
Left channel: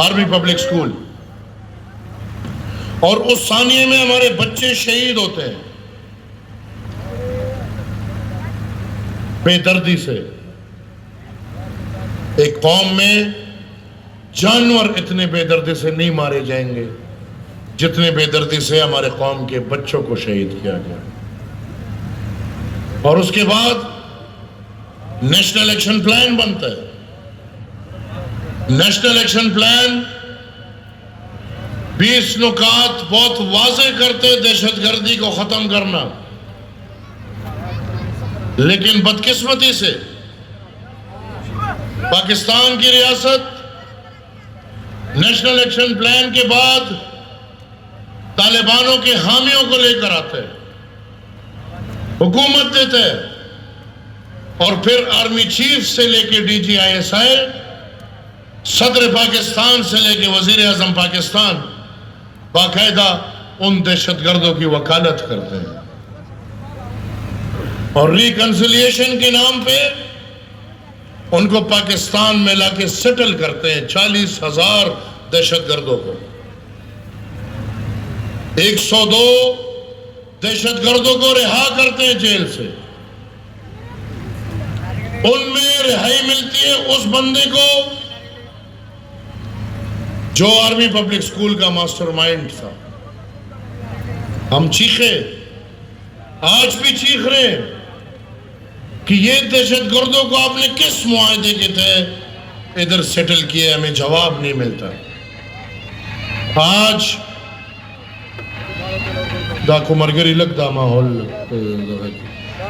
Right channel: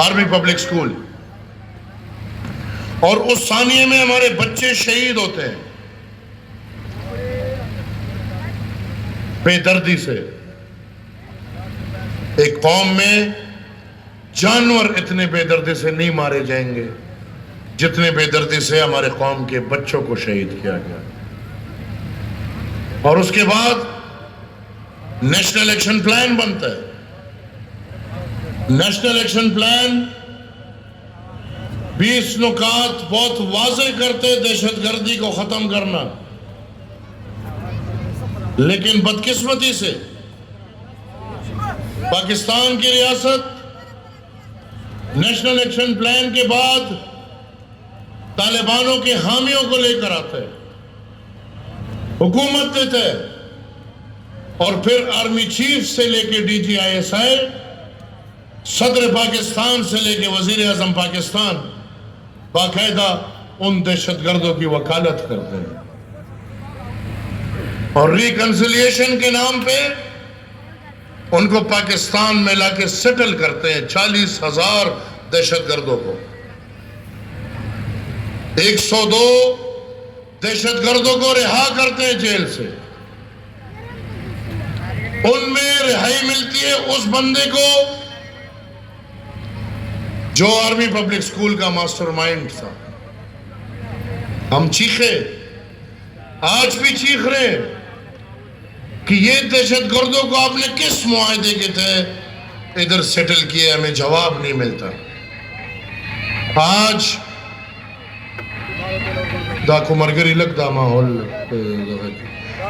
آرمی پبلک سکول، اور اس ثانیے میں ہمارے بچے شہید ہوتے ہیں بے دردی سے. ایک قوم میں جانور اتنے بے دردی سے نہیں مارے جائیں گے جتنے بے دردی سے ہمارے قوم کے بچوں کو شہید کیا گیا. اور اس کے بعد نیشنل ایکشن پلان بنتا ہے. نیشنل ایکشن پلان 20 نکات بہت واضح کرتے دہشت گردی کو ختم کرنا، لیکن بدقسمتی سے پاکستان کی ریاست نیشنل ایکشن پلان کے بعد طالبانوں کے حامیوں کو لے کر آتے ہیں، حکومت دیتے ہیں، اور پھر آرمی چیف سے لے کے D G I S I صدر پاکستان سے لے کے وزیر اعظم پاکستان باقاعدہ ان دہشت گردوں کی وکالت کرتے ہیں اور ریکنسیلیشن کے نام پہ ان کو پاکستان میں لا کے سیٹل کرتے ہیں 40,000 دہشت گردوں کو 102 دہشت گردوں کو رہا کرتے ہیں جیل سے ان میں رہائی ملتی ہے اس بندے کو جو آرمی پبلک سکول کا ماسٹر مائنڈ تھا ہم چیخے آج بھی چیخ رہے ہیں کہ یہ دہشت گردوں کو آپ نے کس معاہدے کے تحت ادھر سیٹل کیا ہمیں جواب نہیں ملتا آج داکو مرگری لگتا ماحول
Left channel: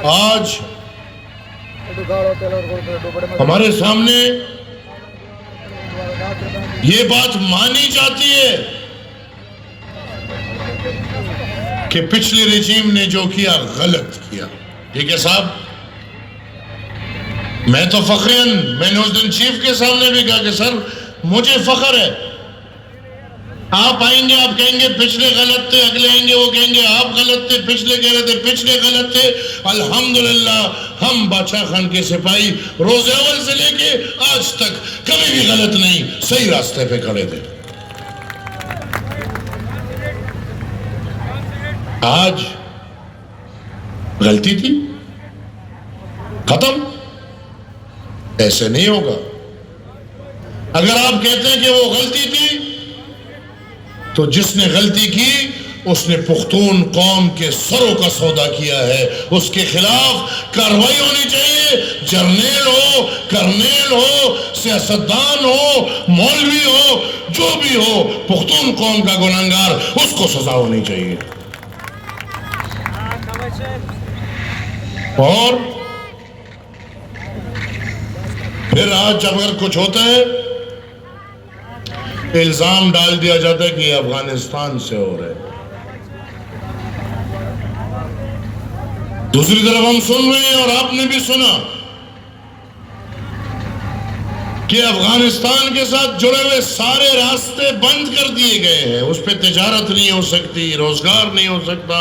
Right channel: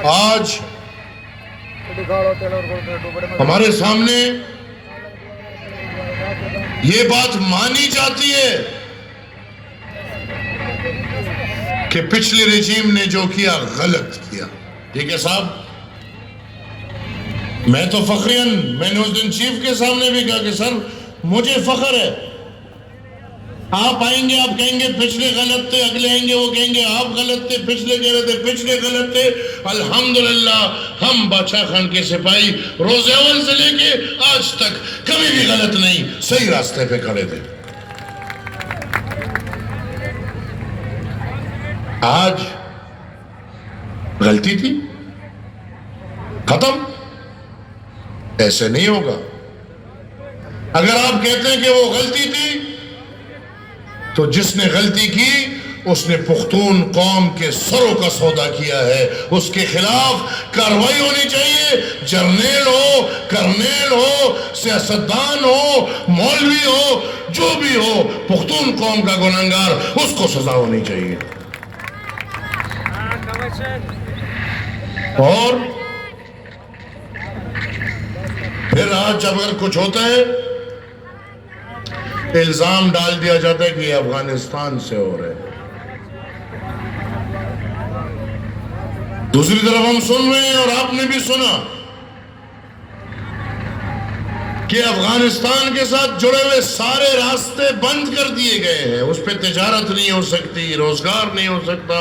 آج ہمارے سامنے یہ بات مانی جاتی ہے کہ پچھلی رجیم نے جو کیا غلط کیا ٹھیک ہے صاحب میں تو فخراً میں نے اس دن چیف کے سامنے بھی کہا کہ سر مجھے فخر ہے آپ آئیں گے آپ کہیں گے پچھلے غلط تھے اگلے آئیں گے وہ کہیں گے آپ غلط تھے پچھلے کہہ رہے تھے پچھلے غلط تھے الحمدللہ ہم بادشاہ خان کے سپاہی روز اول سے لے کے آج تک کبھی بھی غلط نہیں صحیح راستے پہ کھڑے تھے آج غلطی تھی ختم ایسے نہیں ہوگا اگر آپ کہتے ہیں کہ وہ غلطی تھی تو جس نے غلطی کی اس نے پختون قوم کے سروں کا سودا کیا ہے اس کے خلاف کارروائی ہونی چاہیے جرنیل ہو کرنیل ہو سیاستدان ہو مولوی ہو جو بھی ہو پختون قوم کا گنہگار اس کو سزا ہونی چاہیے اور پھر آج جب اگر کچھ ہوتا ہے الزام ڈال دیا جاتا ہے کہ یہ افغانستان سے ہو رہے ہیں دوسری طرف ہم سن رہے ہیں اور آپ نے بھی سنا کہ افغانستان کے ساتھ جڑے ہوئے سارے راستے بند کر دیے گئے ہیں اس پہ تجارت نہیں ہو سکتی روزگار نہیں ہو سکتا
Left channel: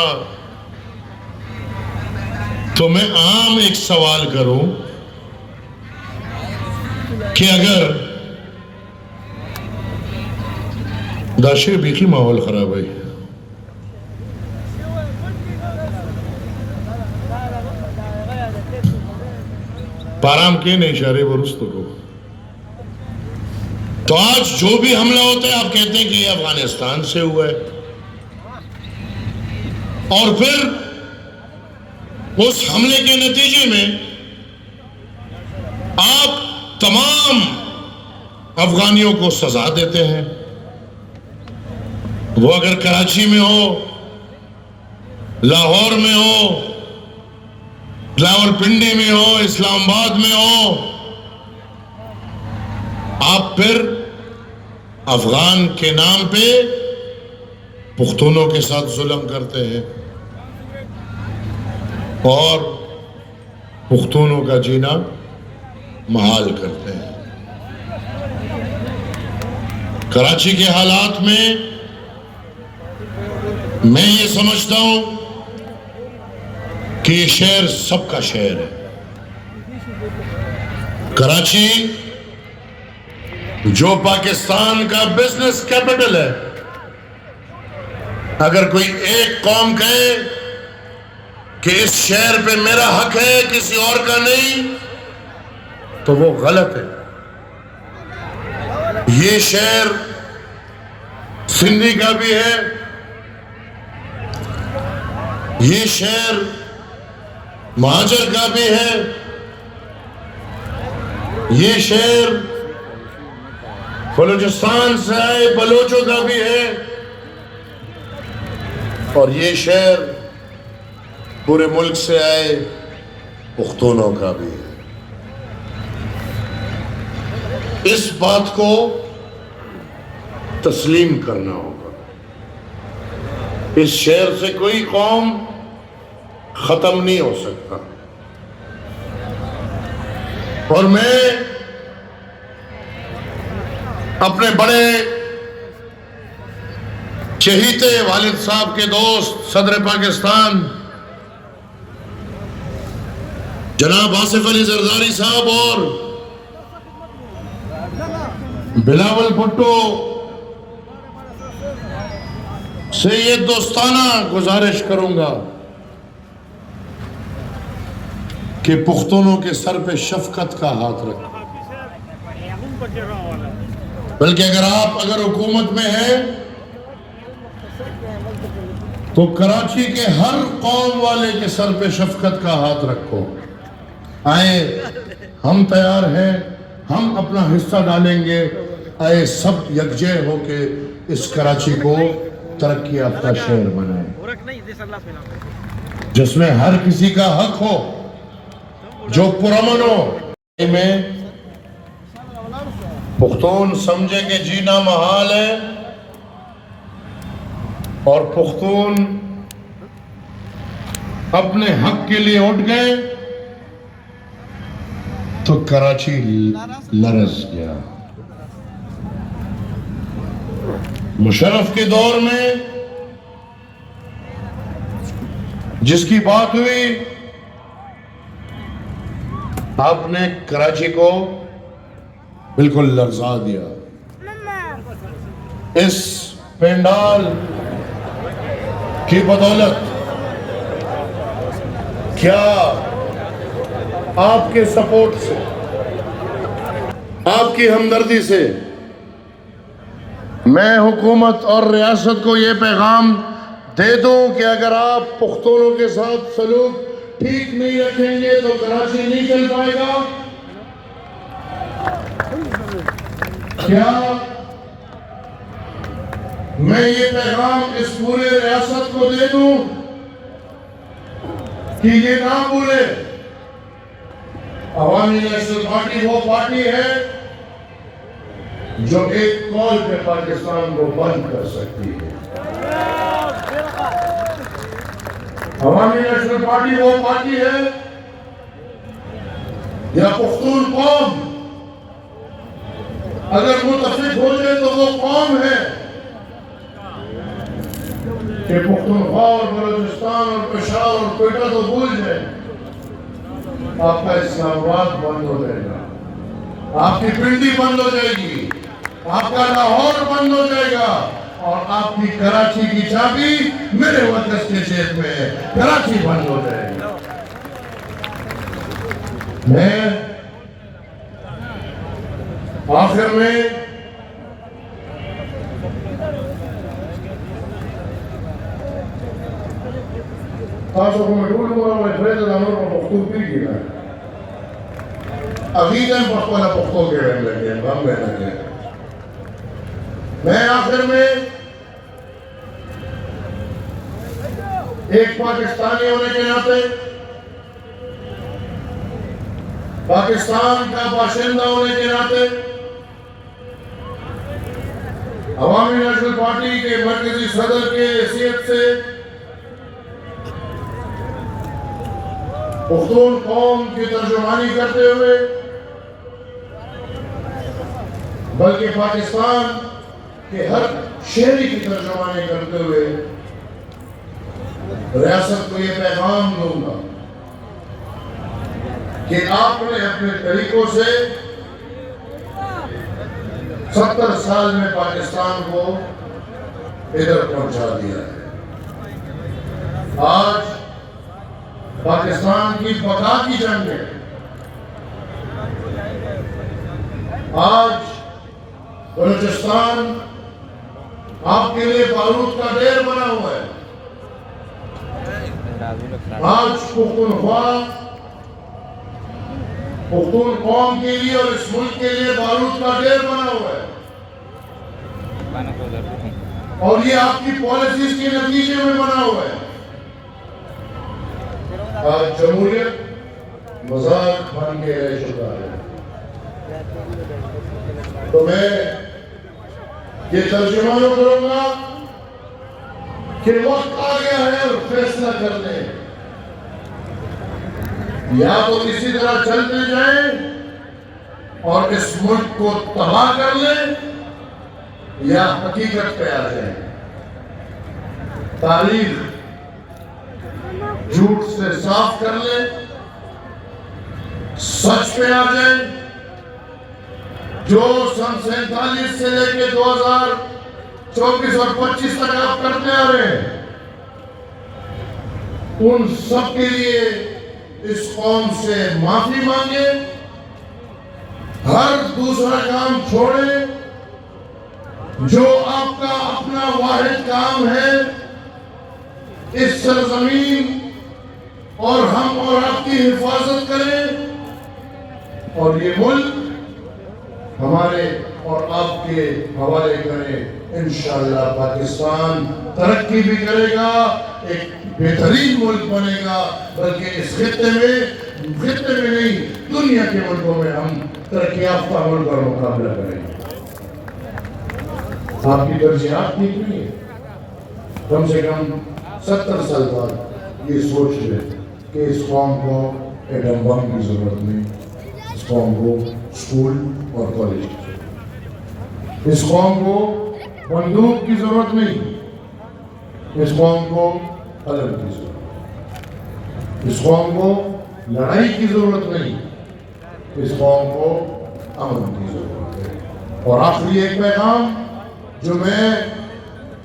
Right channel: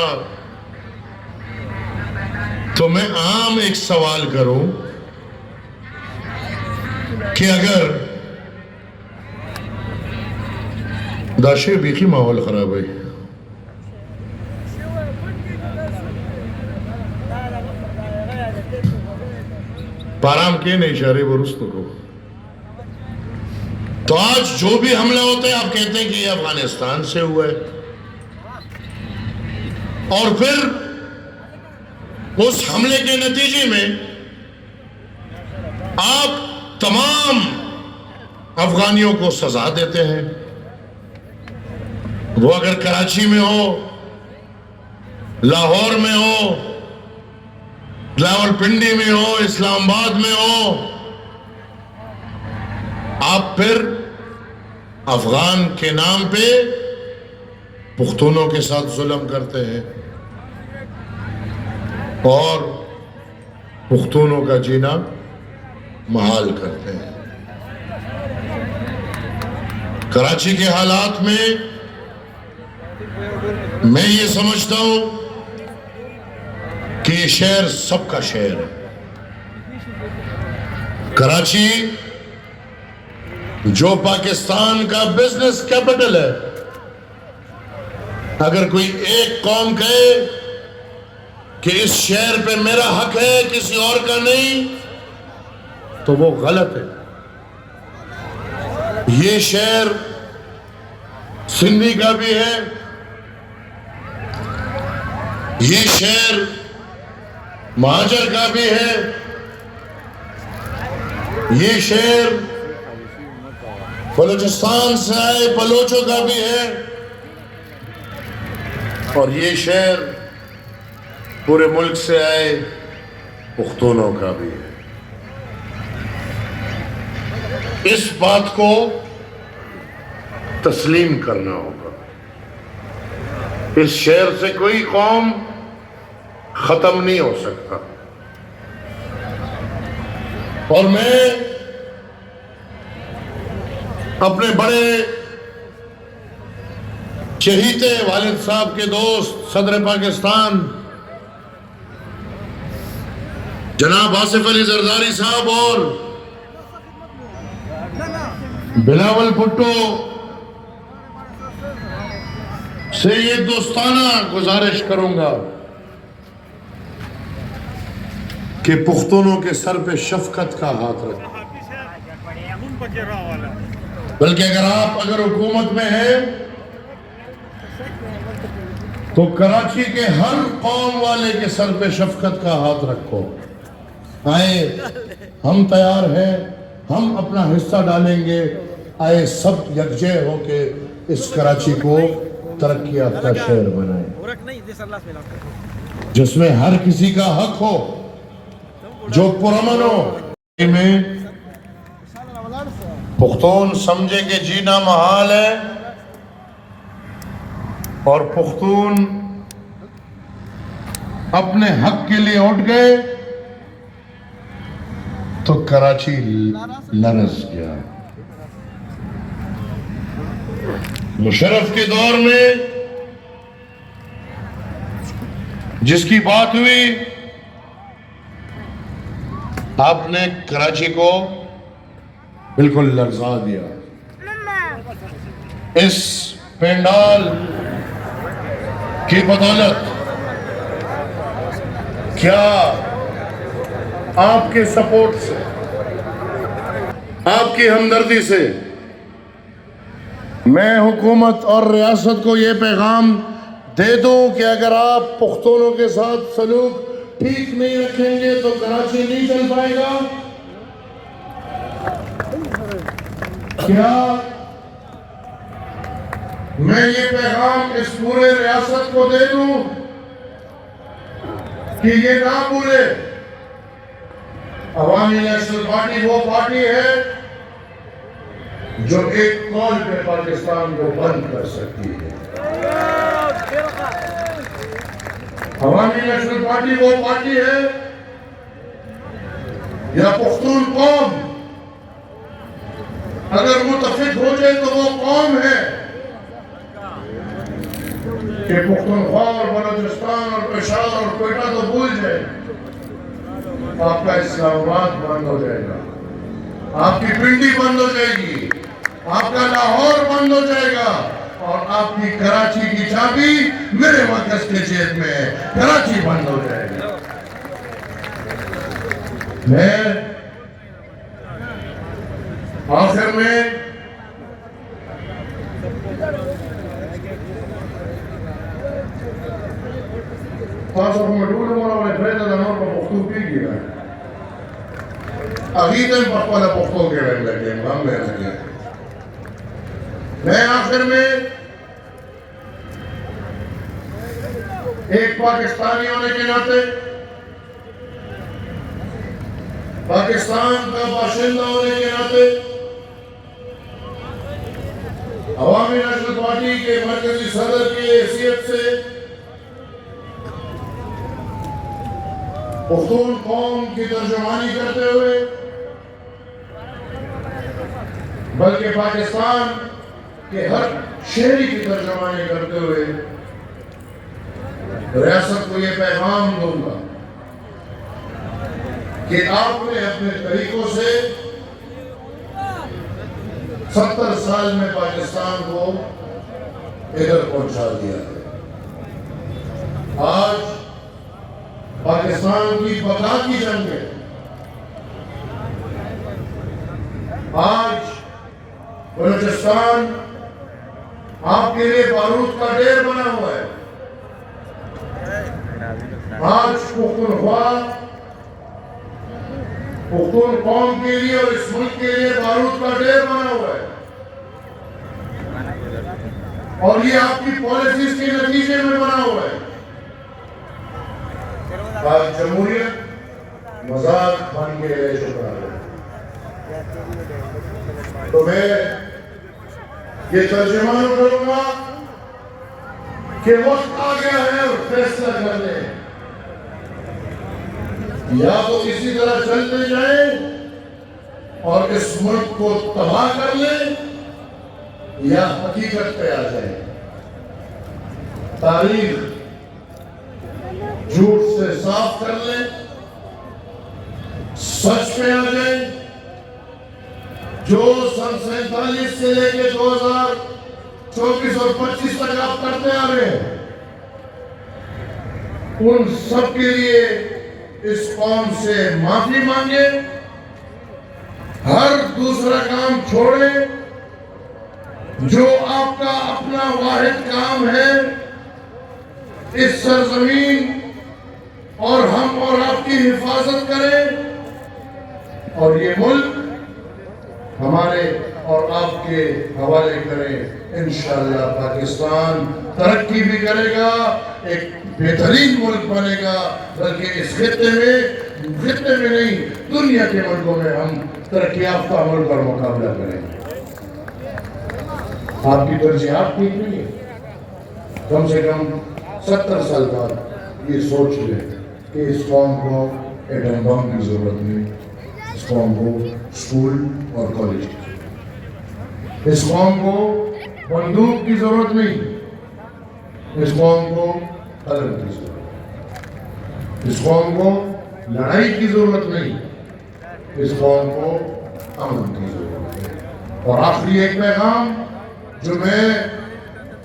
تو میں عام ایک سوال کروں کہ اگر داشے بیخی ماحول خراب ہے پارام کے نہیں اشارے برستو کو تو آج جو بھی حملہ ہوتا ہے آپ کہتے ہیں کہ یہ افغانستان سے ہوا ہے اور پھر اس حملے کے نتیجے میں آپ تمام افغانیوں کو سزا دیتے ہیں وہ اگر کراچی میں ہو لاہور میں ہو لاہور پنڈی میں ہو اسلام آباد میں ہو آپ پھر افغان کے نام پہ پختونوں کے ساتھ ظلم کرتے ہیں اور پختونوں کا جینا محال کرتے ہیں کراچی کے حالات میں میں یہ سمجھتا ہوں کہ یہ شہر سب کا شہر ہے کراچی جو پاکستان کا بزنس کیپٹل ہے اگر کوئی ایک قوم کہے کہ اس شہر پہ میرا حق ہے کسی اور کا نہیں تو وہ غلط ہے یہ شہر سندھی کا بھی ہے یہ شہر مہاجر کا بھی ہے یہ شہر بلوچستان سے آئے بلوچوں کا بھی ہے اور یہ شہر پورے ملک سے آئے پختونوں کا بھی ہے اس بات کو تسلیم کرنا ہوگا اس شہر سے کوئی قوم ختم نہیں ہو سکتا اور میں اپنے بڑے چہیتے والد صاحب کے دوست صدر پاکستان جناب آصف علی زرداری صاحب اور بلاول بھٹو سے یہ دوستانہ گزارش کروں گا کہ پختونوں کے سر پہ شفقت کا ہاتھ رکھیں، بلکہ اگر حکومت میں ہے تو کراچی کے ہر قوم والے کے سر پہ شفقت کا ہاتھ رکھو۔ آئے ہم تیار ہیں، ہم اپنا حصہ ڈالیں گے، آئے سب یکجہ ہو کے اس کراچی کو ترقی یافتہ شہر بنائیں جس میں ہر کسی کا حق ہو، جو پرامن ہو۔ میں پختون سمجھے کہ جینا محال ہے اور پختون اپنے حق کے لیے اٹھ گئے تو کراچی لرز گیا۔ مشرف کے دور میں جس کی بات ہوئی، آپ نے کراچی کو بالکل لرزا دیا۔ اس پینڈال کی بدولت کیا آپ کے سپورٹ سے، آپ کی ہمدردی سے میں حکومت اور ریاست کو یہ پیغام دے دوں کہ اگر آپ پختونوں کے ساتھ سلوک ٹھیک نہیں رکھیں گے تو کراچی نہیں چل پائے گا۔ کیا میں یہ پیغام اس پورے ریاست کو دے دوں کہ یہ نہ بھولے عوامی نیشنل پارٹی وہ پارٹی ہے جو ایک کال پہ پاکستان کو بند کر سکتی ہے۔ عوامی نیشنل پارٹی وہ پارٹی ہے یا پختون قوم اگر متفق ہو جائے تو وہ قوم ہے کہ پختونخوا اور بلوچستان اور پشاور اور کوئٹہ تو بھول جائے، آپ کا اسلام آباد بند ہو جائے گا، آپ کی پنڈی بند ہو جائے گی، آپ کا لاہور بند ہو جائے گا اور آپ کی کراچی کی چابی میرے مرکز کے جیب میں ہے، کراچی بند ہو جائے گی۔ میں آخر میں تاسو کوم ټول ورونه پرېږده دا نور په پښتو کېږي نه ابھی میں پختو پختو کے رہنے لگے ہم رہنے لگے۔ میں آخر میں ایک پاکستانی ہونے کے ناطے، پاکستان کا باشندہ ہونے کے ناطے، عوامی نیشنل پارٹی کے مرکزی صدر کے حیثیت سے پختون قوم کی ترجمانی کرتے ہوئے، بلکہ پاکستان کے ہر شہری کی ترجمانی کرتے ہوئے ریاست کو یہ پیغام دوں گا کہ آپ نے اپنے طریقوں سے 70 سال میں پاکستان کو ادھر پہنچا دیا ہے۔ آج پاکستان کی بقا کی جنگ ہے، آج بلوچستان آپ کے لیے بارود کا ڈھیر بنا ہوا ہے، آج پختونخوا پختون قوم کے لیے اور اس ملک کے لیے بارود کا ڈھیر بنا ہوا ہے، اور یہ آپ کی پالیسیز کے نتیجے میں بنا ہوا ہے۔ آج جمہوریت مذاق بن کے رہ چکا ہے، تو میں یہ ترجمہ کروں گا کہ وقت آ گیا ہے اور فیصلہ کر لیں، یا تو اسی طرح چلتے جائیں اور اس ملک کو تباہ کر لیں، یا حقیقت پہ آ جائیں، تاریخ جھوٹ سے صاف کر لیں، سچ پہ آ جائیں، جو سن 47 سے لے کے 2024 اور 25 تک آپ کرتے آ رہے ہیں، ان سب کے لیے اس قوم سے معافی مانگے، ہر دوسرا کام چھوڑے، جو آپ کا اپنا واحد کام ہے، اس سرزمین اور ہم اور آپ کی حفاظت کریں، اور یہ ملک ہمارے اور آپ کے حوالے کریں۔ انشاءاللہ پاکستان ترقی بھی کرے گا، ایک بہترین ملک بنے گا، بلکہ اس خطے میں نہیں، دنیا کے ملکوں میں ہم ترقی یافتہ ملک کا مقابلہ کریں گے۔ آپ کی ترجیحات ٹھیک نہیں ہے، کم سے کم 70 سال تک یہ سوچ لے کہ اس قوم کو ایٹم بم کی ضرورت نہیں، اس قوم کو اسکول اور کالج کی ضرورت، اس قوم کو بندوق کی ضرورت نہیں، اس قوم کو قلم کی ضرورت، اس قوم کو لڑائی کی ضرورت نہیں، اس قوم کو امن کی ضرورت ہے۔ اور آخری ایک پیغام جو میں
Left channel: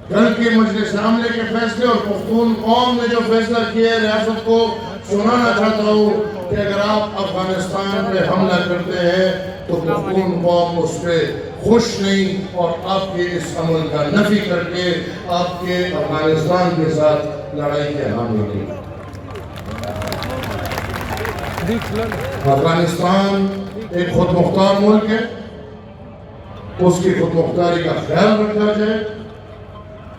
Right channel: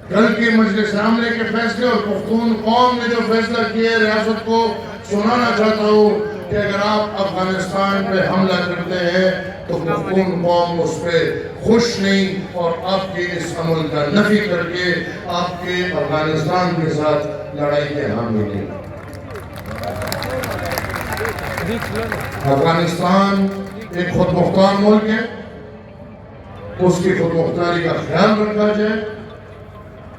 کل کے مجلس عاملہ کے فیصلے اور پختون قوم نے جو فیصلہ کیا ہے ریاست کو سنانا چاہتا ہوں کہ اگر آپ افغانستان پہ حملہ کرتے ہیں تو پختون قوم اس پہ خوش نہیں، اور آپ کے اس عمل کا نفی کر کے آپ کے افغانستان کے ساتھ لڑائی کے حامی نہیں۔ افغانستان ایک خود مختار ملک ہے، اس کی خود مختاری کا خیال رکھا جائے۔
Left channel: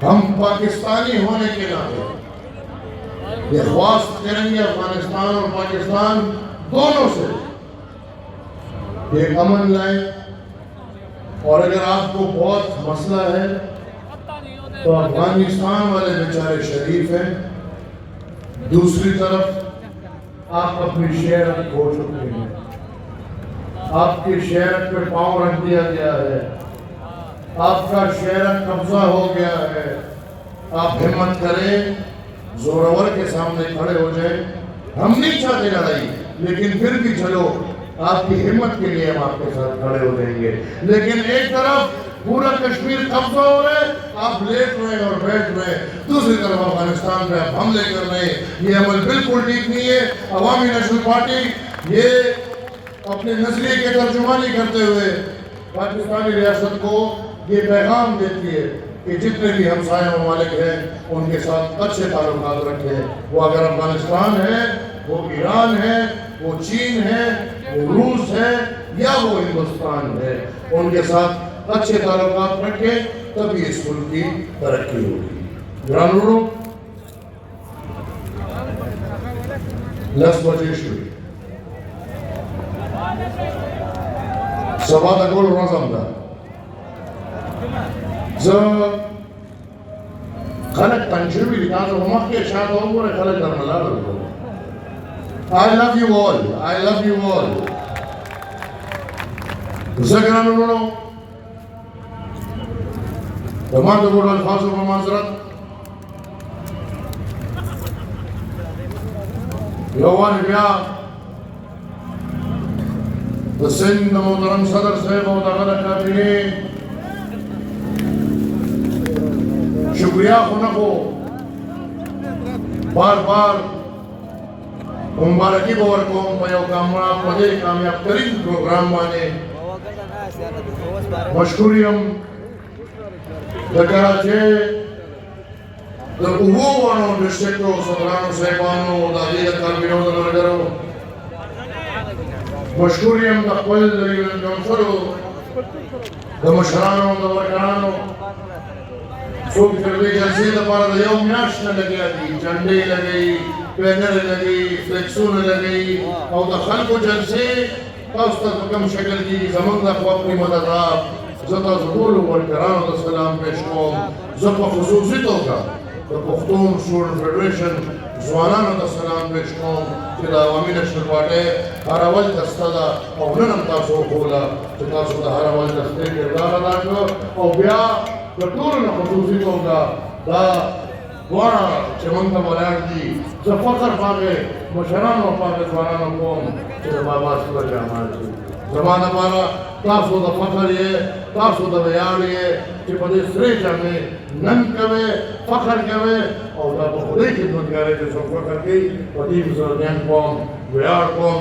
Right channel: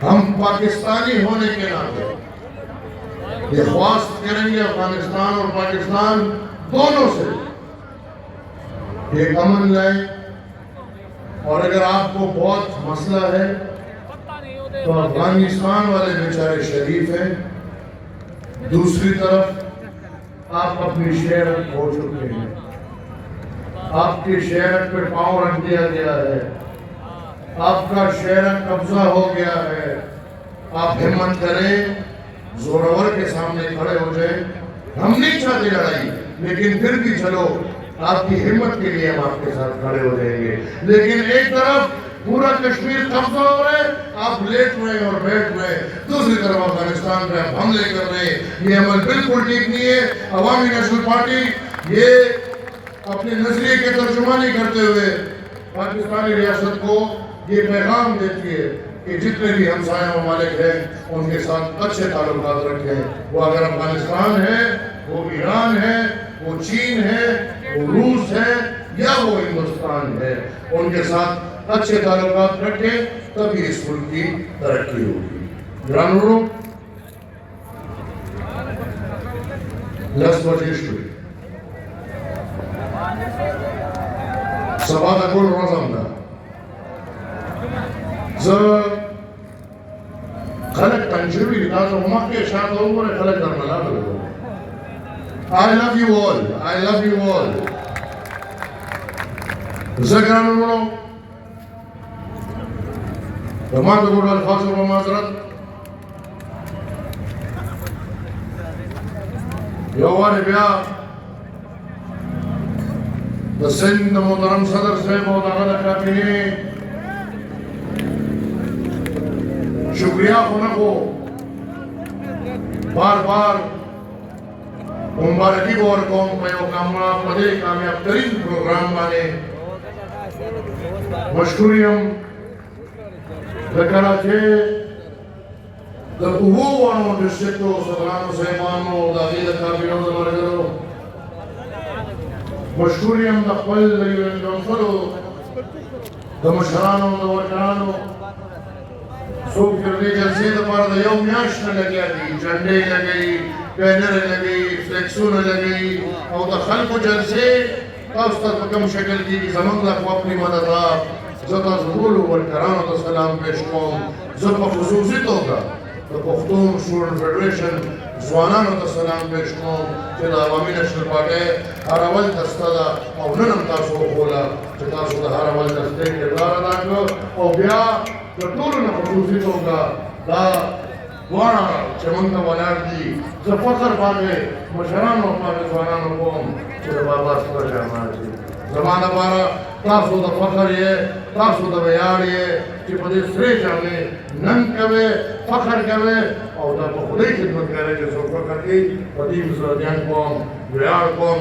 ہم پاکستانی ہونے کے ناطے یہ خواست کریں گے افغانستان اور پاکستان دونوں سے ایک امن لائیں، اور اگر آپ کو بہت مسئلہ ہے تو افغانستان والے بیچارے شریف ہیں، دوسری طرف آپ اپنی شہر کھو چکے ہیں، آپ کے شہر پہ پاؤں رکھ دیا گیا ہے، آپ کا شہر قبضہ ہو گیا ہے۔ آپ ہمت کریں، زورور کے سامنے کھڑے ہو جائیں۔ ہم نہیں چاہتے لڑائی، لیکن پھر بھی چلو آپ کی ہمت کے لیے ہم آپ کے ساتھ کھڑے ہو جائیں گے۔ لیکن ایک طرف پورا کشمیر قبضہ ہو رہے، آپ لیٹ رہے اور بیٹھ رہے، دوسری طرف افغانستان پہ آپ حملے کر رہے ہیں۔ یہ عمل بالکل ٹھیک نہیں ہے۔ عوامی نیشنل پارٹی یہ اپنے نظریے کے ترجمانی کرتے ہوئے پاکستانی ریاست کو یہ پیغام دیتی ہے کہ جتنے بھی ہمسایہ ممالک ہیں ان کے ساتھ اچھے تعلقات رکھیں۔ وہ اگر افغانستان ہے، وہ ایران ہے، وہ چین ہے، وہ روس ہے یا وہ ہندوستان ہے، ان کے ساتھ اچھے تعلقات رکھیں، تبھی اس ملک کی ترقی ہوگی۔ گرانوں لس بجے شروع سبا تقول رمضان دا خلق تنجربی لتازو مخ کے شاید ہوگو نے خلق در ملال ہوگو۔ I love you all. I love you all. زگرانو وما تدور الفاظ و معذرت لوان بیا سند محترم صدر سے محترم کرنے شکریہ خونہ کو بار بار مبارکی بور کو میں کامنا پدے کامیاب ترین پروگرام والے مشکوریم دکراچے در اوہو وانو ڈسٹرکٹو صدقانو صاحبانو دادیل کابینو دنوجرو مشکوریم دا قل دلیلن جنسرو دا مشرانو دا ورکانو خوب کردی جلسی دا پارا دا یوم میاشن لگیا دی جنڈے لگئی بینر لگئی فلیکسون لگئی اور دا خلق جلسے تاستا کم شکل کی زمان دا خواب اپنی مددار زتا ظهور ورکرانو دا سلام پیش کوم زتا خصوصی توقع دا پختون شورن فیڈریشن زوانانو دا سلام پیش کوم کہ دا عوامی نیشنل پارٹی ہر اول دستا دا او ننم تاسو خولا چې تاسو د هر اول دفتر کردار ادا کړو او بیا د ټولو نه خصوصي توګه دا دواړه چې موږ ته ولاړ دي زه فخر باندې مشرانو او باندې ځوانانو کوم چې د بابا سره جامعه دي زما دپاره تاسو د فخر یې تاسو د ویاړ یې چې په دې سرې جامې نن کوئ فخر کوئ او دا په خدای خدمت کوئ چې څوک فخر کوي په دې سره ځان کوم ویاړ کوم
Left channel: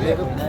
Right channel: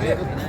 Gracias.